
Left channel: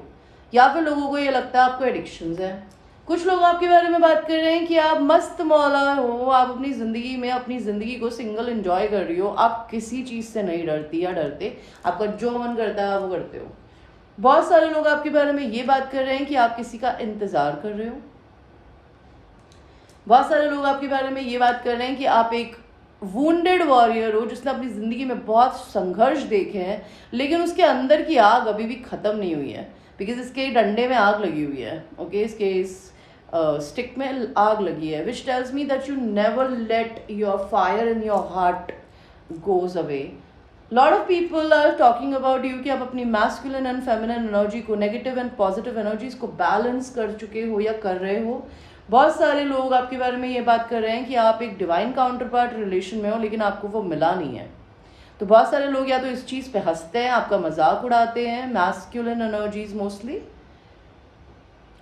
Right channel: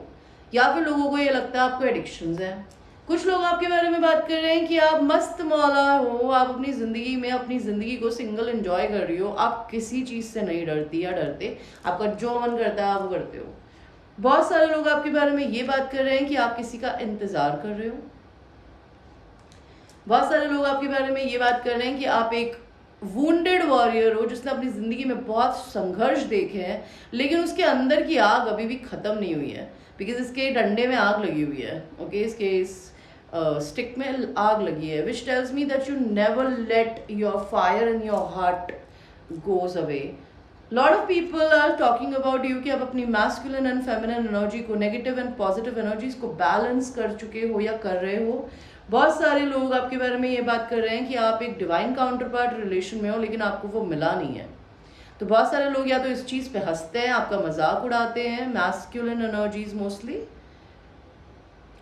या फिर लोगों को ये लगता है आपको एडिक्शंस हैं। कुछ लोग आपके बारे में बात कर रहे हैं कि आप मस्त मौला हो, आप अपनी ज़िंदगी में अपनी ज़िंदगी को सिंगल एंजॉय कर रही हो, आप किसी चीज़ से नहीं डरती या डरते, आपका जो मन करता है आप वो करते हो। बहुत सारे लोग आपके बारे में ये बात कर रहे हैं कि आप किसी का इंतज़ार कर रहे हो। बहुत सारे लोग आपके बारे में ये बात कर रहे हैं कि आप एक वुंडेड वॉरियर हो जिसने अपनी ज़िंदगी में बहुत संघर्ष देखे हैं, लेकिन उसके अंदर की आग अभी भी ख़त्म नहीं हुई है, बिकॉज इसके डंडे में आग लगी हुई है, ओके। इसके इस स्टिक में आग लगी है, which tells me that you never let your fire in your heart goes away. Lot of people are talking about you कि आप अपनी मैस्कुलिन एंड फेमिनिन एनर्जी को, नेगेटिव एंड पॉजिटिव एनर्जीज को बैलेंस कर चुके हो या कर रहे हो। बहुत सारे लोग आपके बारे में ये बात कर रहे हैं कि आप एक डिवाइन काउंटर पार्ट रिलेशन में हो, लेकिन आपको वो मिला नहीं है। तो बहुत सारे लोग या तो इस चीज़ पे हंसते हैं, आपका मजाक उड़ाते हैं, मैस्कुलिन एनर्जीज मोस्टली,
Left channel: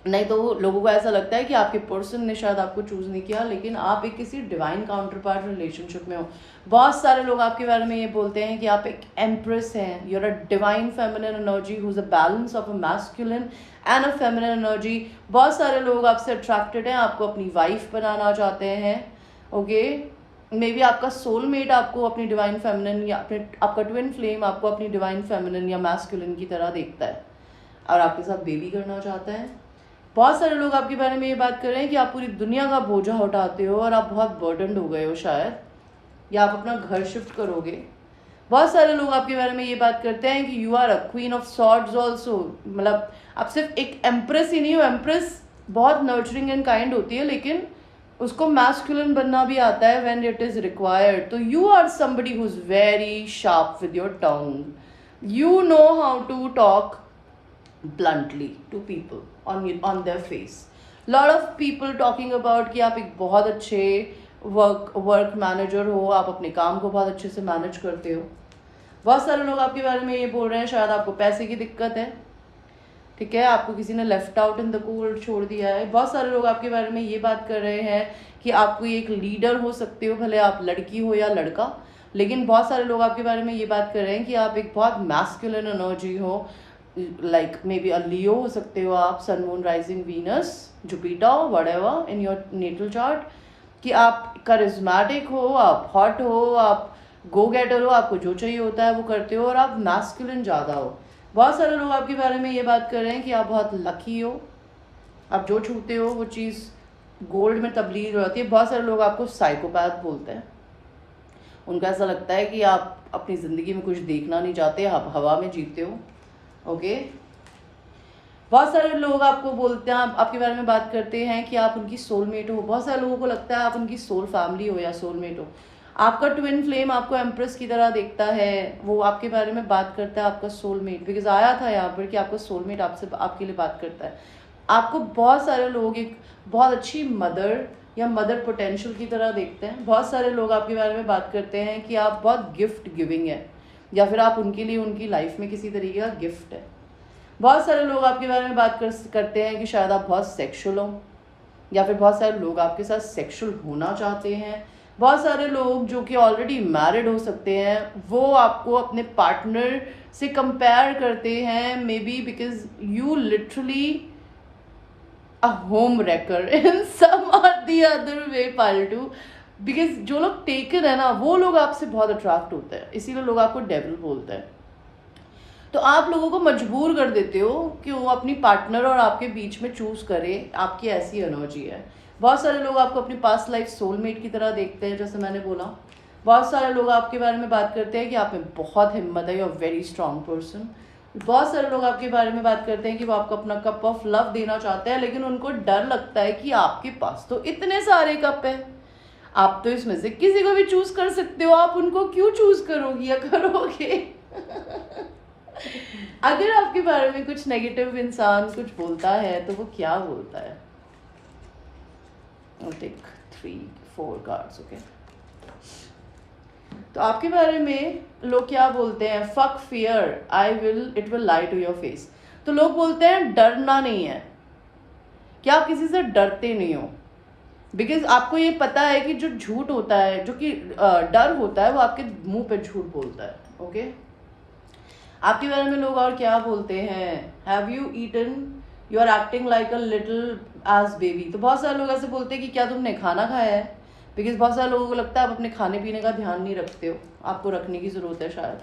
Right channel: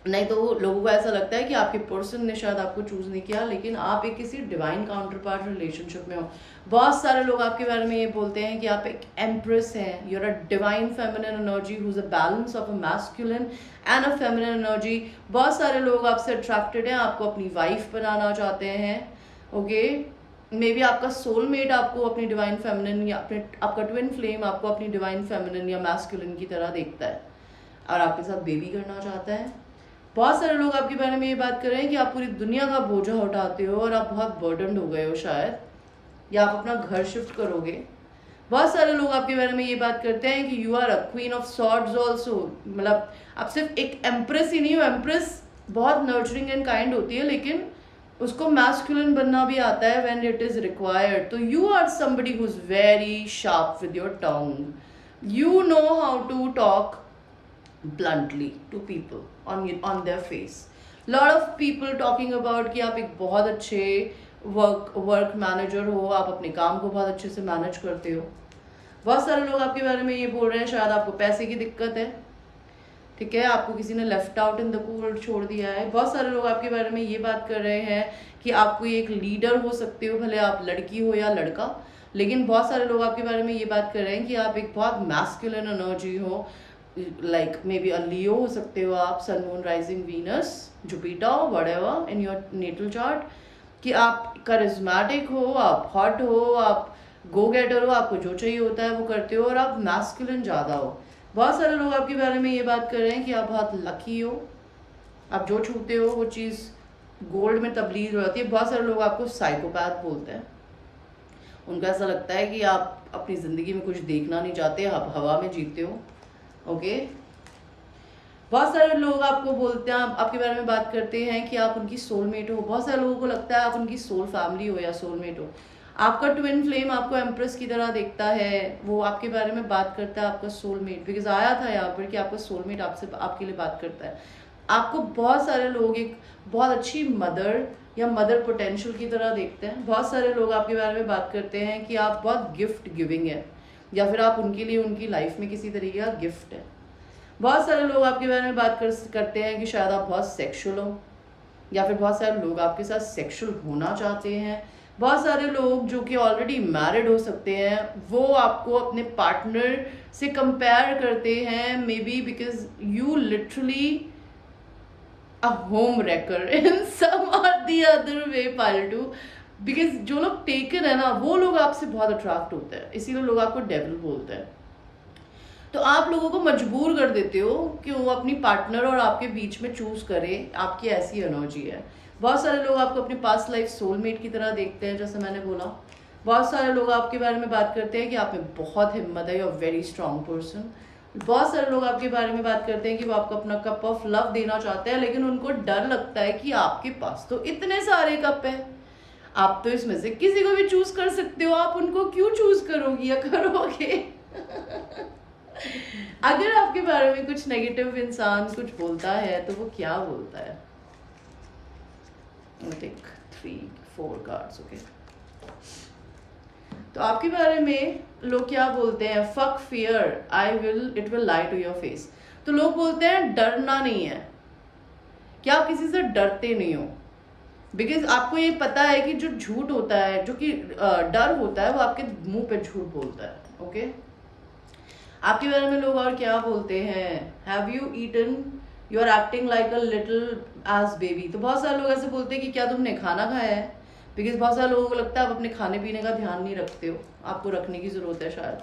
नहीं तो लोगों को ऐसा लगता है कि आपके पर्सन ने शायद आपको चूज नहीं किया, लेकिन आप एक किसी डिवाइन काउंटर पार्ट रिलेशनशिप में हो। बहुत सारे लोग आपके बारे में ये बोलते हैं कि आप एक एम्प्रेस हैं, you're a divine feminine energy who's a balance of a masculine and a feminine energy. बहुत सारे लोग आपसे अट्रैक्टेड हैं, आपको अपनी वाइफ बनाना चाहते हैं। ओके, मे बी आपका सोलमेट आपको अपनी डिवाइन फेमिनिन या अपने आपका ट्विन फ्लेम आपको अपनी डिवाइन फेमिनिन या मैस्कुलिन की तरह देखता है और आपके साथ बेबी करना चाहता है। बहुत सारे लोग आपके बारे में ये बात कर रहे हैं कि आप पूरी दुनिया का बोझा उठाते हो और आप बहुत बर्डनड हो गए हो शायद, या आप अपना घर शिफ्ट करोगे। बहुत सारे लोग आपके बारे में ये बात करते हैं कि you are a queen of swords also, मतलब आप सिर्फ एक एम्प्रेस ही नहीं हो। एम्प्रेस बहुत नर्चरिंग एंड काइंड होती है, लेकिन उसको मैस्कुलिन बनना भी आता है व्हेन इट इज रिक्वायर्ड। तो you are somebody who is very sharp with your tongue, you know how to talk bluntly to people on their face. Lot of people talking about कि आप एक बहुत अच्छे वर्क मैनेजर हो, आप अपने काम को बहुत अच्छे से मैनेज करते हो। बहुत सारे लोग आपके बारे में ये बोल रहे हैं शायद आपको पैसे की दिक्कत है, ठीक है, आपको किसी ने left out in the cold छोड़ दिया है। बहुत सारे लोग आपके बारे में ये बात कर रहे हैं कि आप कोई एक लीडर हो सकते हो, भले आप लड़की हो या लड़का। लेकिन बहुत सारे लोग आपके बारे में ये बात कर रहे हैं कि आप एक बहुत मैस्कुलिन एनर्जी हो, like maybe a Leo हो सकते हो आप, sun moon rising Venus Jupiter whatever in your natal chart, कि आप करिज्मेटिक हो, आप हॉट हो, आप गो गेटर हो, आपको जो चाहिए होता है वो करते हो और आप मैस्कुलिन ज़्यादा हो। बहुत सारे लोग आपके बारे में ये बात कर रहे हैं कि आप बहुत लकी हो, आप जो छूते हो वो चीज़ गोल्ड में तब्दील हो जाती है। बहुत सारे लोग आपको साइकोपैथ बोलते हैं, उनको ऐसा लगता है कि आप अपनी ज़िंदगी में कुछ देखना नहीं चाहते, आप हवा में जीते हो। ओके, बहुत सारे लोग आपको बोलते हैं, आपके बारे में बात करते हैं कि आप उनकी सोलमेट हो। बहुत सारे लोगों को लगता है आप उनकी सोल फैमिली हो या सोलमेट हो। आपका ट्विन फ्लेम आपको एम्प्रेस की तरह देखता है, वो आपके बारे में बात करता है आपका सोलमेट, बिकॉज आया था यहाँ पर कि आपका सोलमेट आपसे आपके लिए बात करता है। आपको बहुत सारे लोग एक बहुत अच्छी मदर या मदर पोटेंशियल की तरह देखते हैं। बहुत सारे लोग आपके बारे में बात करते हैं कि आप बहुत गिफ्ट गिविंग है, या फिर आप उनके लिए उनकी लाइफ में किसी तरीके का गिफ्ट है। बहुत सारे लोग आपके बारे में बात करते हैं कि शायद आप बहुत सेक्सुअल हो, या फिर बहुत सारे लोग आपके साथ सेक्सुअल होना चाहते हैं। बहुत सारे लोग जो कि ऑलरेडी मैरिड हो सकते हैं, वो आपको अपने पार्टनर से कंपेयर करते हैं, maybe because you literally a home wrecker in some और द अदर वे पालटू। बिकॉज जो लोग टेकन है ना, वो लोग आपसे बहुत अट्रैक्ट होते हैं, इसीलिए लोग आपको डेविल बोलते हैं। तो आप लोगों को मजबूर कर देते हो कि वो अपनी पार्टनर और आपके बीच में चूज करे, आपकी ऐसी एनर्जी है। बहुत सारे लोग आपको अपनी पास्ट लाइफ सोलमेट की तरह देखते हैं, जैसे मैंने बोला। बहुत सारे लोग आपके बारे में बात करते हैं कि आप में बहुत हिम्मत है, you are very strong person. बहुत सारे लोग आपके बारे में बात करते हैं कि वो आपको अपना कप ऑफ लव देना चाहते हैं, लेकिन उनको डर लगता है कि आपके पास तो इतने सारे कप है, आप तो इसमें से किसी को भी चूज कर सकते हो, आप उनको क्यों चूज करोगी या करोगे? अगर आपके बारे में कुछ नेगेटिव इंसान कुछ बोलता है तो वो क्या बोलता है? Take 3-4 cards, okay. तो आपके बारे में लोग क्या बोलते हैं? Fuck fear, it will lie to your face. तो लोग बोलते हैं डरना नहीं है, क्या आप किसी से डरते नहीं हो, बिकॉज आपको ये पता है कि जो झूठ होता है, जो कि डर होता है, वो आपके मुंह पे झूठ बोलता है। ओके, आपके बारे में लोग और क्या बोलते हैं? Have you eaten, you are acting like a little edge baby. तो बहुत सारे लोग ऐसे बोलते हैं कि क्या तुमने खाना खाया है, बिकॉज बहुत सारे लोगों को लगता है आप अपने खाने पीने का ध्यान नहीं रखते हो, आपको रखने की जरूरत है शायद।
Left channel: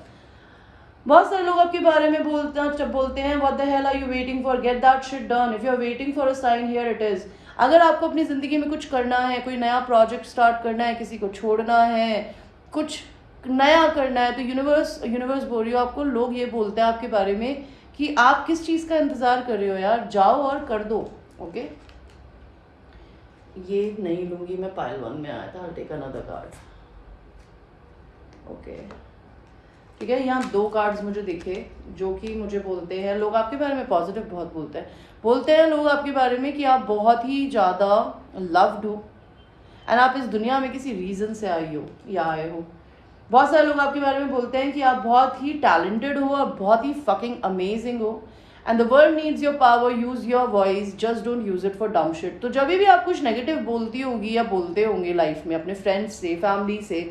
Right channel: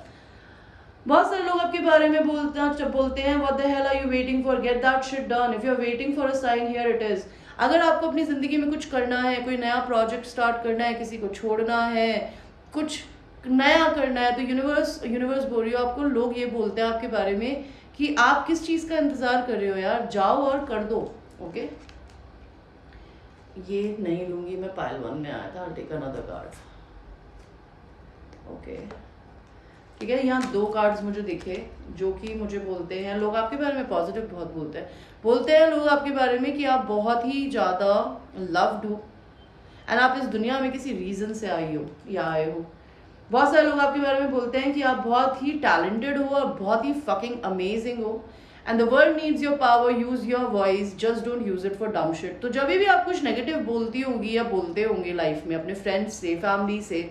बहुत सारे लोग आपके बारे में बोलते हैं what the hell are you waiting for, get that shit done, if you are waiting for a sign here it is. अगर आपको अपनी जिंदगी में कुछ करना है, कोई नया प्रोजेक्ट स्टार्ट करना है, किसी को छोड़ना है, कुछ नया करना है, तो यूनिवर्स बोल रही हो आपको। लोग ये बोलते हैं आपके बारे में कि आप किस चीज़ का इंतज़ार कर रहे हो यार, जाओ और कर दो। ओके, ये नहीं लूंगी मैं, पाइल 1 में आया था, I'll take another card। Okay, ठीक है, यहाँ 2 कार्ड्स मुझे दिखे जो कि मुझे बोलते हैं, लोग आपके बारे में पॉजिटिव बहुत बोलते हैं लोग आपके बारे में कि आप बहुत ही ज़्यादा लव्ड हो एंड आप इस दुनिया में किसी रीज़न से आई हो या आए हो। बहुत सारे लोग आपके बारे में बोलते हैं कि आप बहुत ही टैलेंटेड हो और बहुत ही फकिंग अमेजिंग हो and the world needs your power, use your voice, just don't use it for डम शिट। तो जब भी आप कुछ नेगेटिव बोलती होगी या बोलते होंगे लाइफ में अपने फ्रेंड्स से, फैमिली से,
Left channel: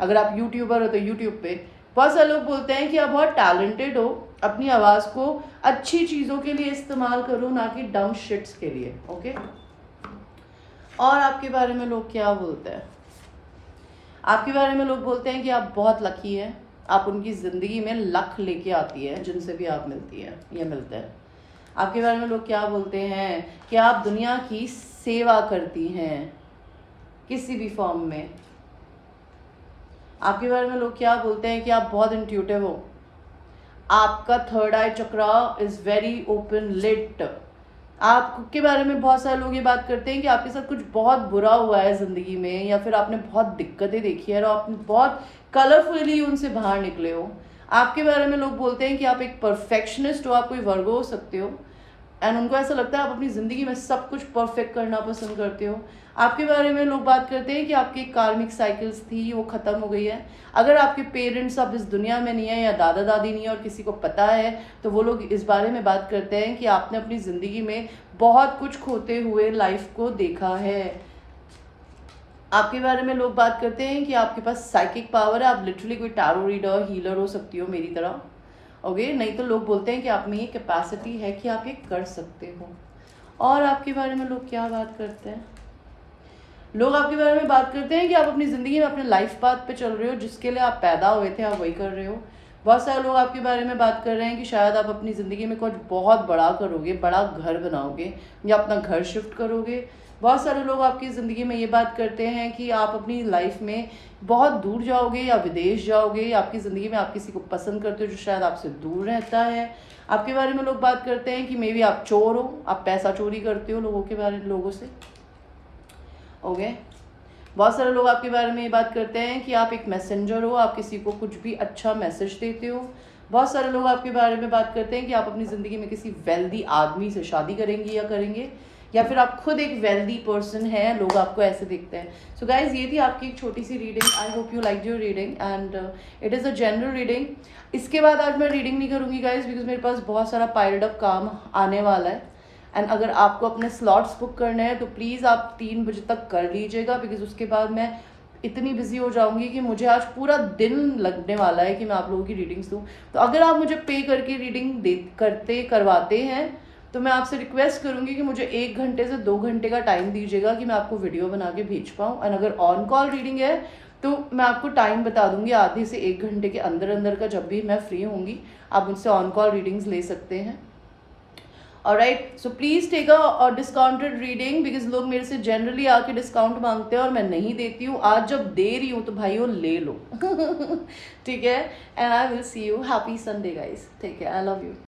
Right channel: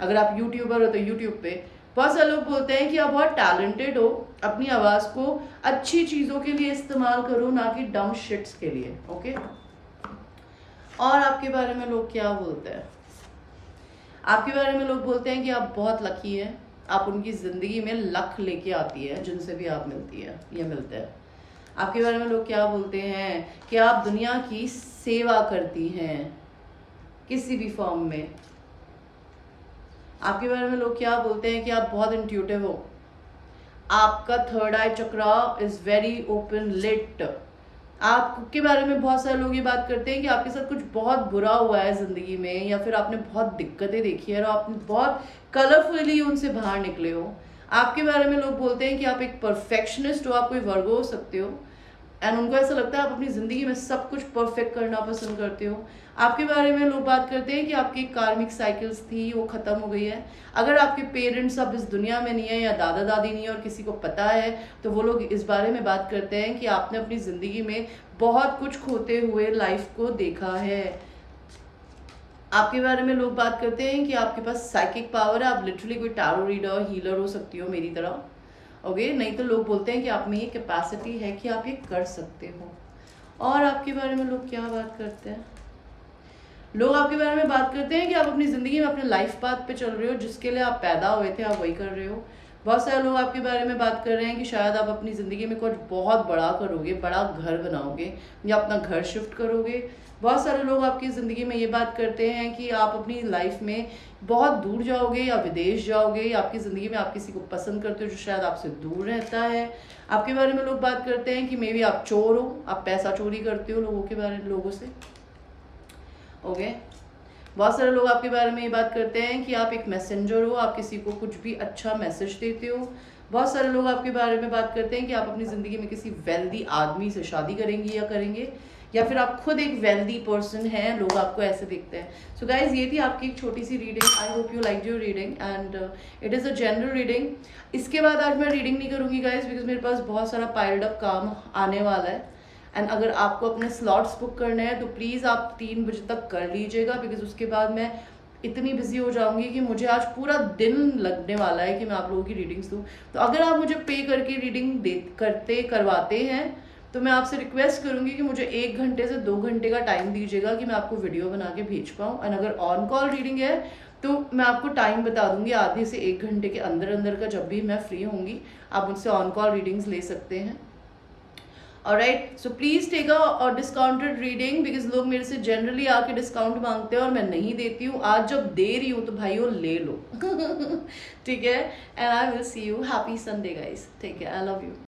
अगर आप यूट्यूबर हो तो यूट्यूब पे बहुत सारे लोग बोलते हैं कि आप बहुत टैलेंटेड हो, अपनी आवाज़ को अच्छी चीज़ों के लिए इस्तेमाल करो, ना कि डम शिट्स के लिए। ओके, और आपके बारे में लोग क्या बोलते हैं? आपके बारे में लोग बोलते हैं कि आप बहुत लकी हैं, आप उनकी ज़िंदगी में लक लेके आती है जिनसे भी आप मिलती हैं या मिलते हैं। आपके बारे में लोग क्या बोलते हैं कि आप दुनिया की सेवा करती हैं किसी भी फॉर्म में। आपके बारे में लोग क्या बोलते हैं कि आप बहुत इंट्यूटिव हो, आपका third eye chakra is very open lit. आपके बारे में बहुत सारे लोग ये बात करते हैं कि आपके साथ कुछ बहुत बुरा हुआ है ज़िंदगी में, या फिर आपने बहुत दिक्कतें देखी है और आपने बहुत कलरफुली उनसे बाहर निकले हो। आपके बारे में लोग बोलते हैं कि आप एक परफेक्शनिस्ट हो, आप कोई वर्गो हो सकते हो, एंड उनको ऐसा लगता है आप अपनी ज़िंदगी में सब कुछ परफेक्ट करना पसंद करते हो। आपके बारे में लोग बात करते हैं कि आपकी कार्मिक साइकिल्स थी वो ख़त्म हो गई है। अगर आपके पेरेंट्स अब इस दुनिया में नहीं है या दादा दादी नहीं है और किसी को पता है, तो वो लोग इस बारे में बात करते हैं कि आपने अपनी ज़िंदगी में बहुत कुछ खोते हुए लाइफ को देखा है। आपके बारे में लोग बात करते हैं कि आपके पास साइकिक पावर है, आप लिटरली कोई टैरो रीडर, हीलर हो सकती हो मेरी तरह। ओके, नहीं तो लोग बोलते हैं कि आप में ये कैपेसिटी है कि आप ये कर सकते हो। और आपके बारे में लोग क्या बात करते हैं? लोग आपके बारे में बात करते हैं कि आप अपनी ज़िंदगी में अपने लाइफ पाथ पे चल रहे हो, जिसके लिए आप पैदा हुए थे आप वही कर रहे हो। बहुत सारे लोग आपके बारे में बात कर रहे हैं कि शायद आप अपनी ज़िंदगी में कुछ बहुत बड़ा करोगे, बड़ा घर बनाओगे या अपना घर शिफ्ट करोगे। बहुत सारे लोग आपकी ज़िंदगी में ये बात करते हैं कि आप अपनी लाइफ में बहुत दूर जाओगे या विदेश जाओगे, या आपकी ज़िंदगी में आप किसी को पसंद करते हो जो शायद आपसे दूर रहता है। आपके बारे में लोग बात करते हैं कि मे बी आप चोर हो, आप पैसा चोरी करते हो लोगों के बारे में, लोगों से। ओके, बहुत सारे लोग आपके बारे में ये बात करते हैं कि आप एक मैसेंजर हो, आप किसी को कुछ भी अच्छा मैसेज देते हो। बहुत सारे लोग आपके बारे में बात करते हैं कि आप अपनी ज़िंदगी में किसी वेल्दी आदमी से शादी करेंगी या करेंगे, या फिर आप खुद एक वेल्दी पर्सन हैं, लोग आपको ऐसे देखते हैं। सो गाइज, ये थी आपकी एक छोटी सी reading. I hope you like your reading and it is a general reading. इसके बाद आज मैं रीडिंग नहीं करूँगी गाइज, बिकॉज मेरे पास बहुत सारा पाइल्ड अप काम आने वाला है। एंड अगर आपको अपने स्लॉट्स बुक करने हैं तो प्लीज़ आप 3 बजे तक कर लीजिएगा, बिकॉज उसके बाद मैं इतनी बिजी हो जाऊंगी कि मुझे आज पूरा दिन लगने वाला है कि मैं आप लोगों की रीडिंग्स दूँ। तो अगर आप मुझे पे करके रीडिंग करवाते हैं तो मैं आपसे रिक्वेस्ट करूंगी कि मुझे 1 घंटे से 2 घंटे का टाइम दीजिएगा कि मैं आपको वीडियो बना के भेज पाऊँ। एंड अगर ऑन कॉल रीडिंग है तो मैं आपको टाइम बता दूंगी, आधे से 1 घंटे के अंदर अंदर का, जब भी मैं फ्री होंगी आप मुझसे ऑन कॉल रीडिंग्स ले सकते हैं। Alright, so please take a discounted reading, because लोग मेरे से जनरली आके डिस्काउंट मांगते हैं और मैं नहीं देती हूँ। आज जब दे रही हूँ तो भाइयों ले लो। ठीक है, and I will see you. Happy Sunday guys, take care, I love you.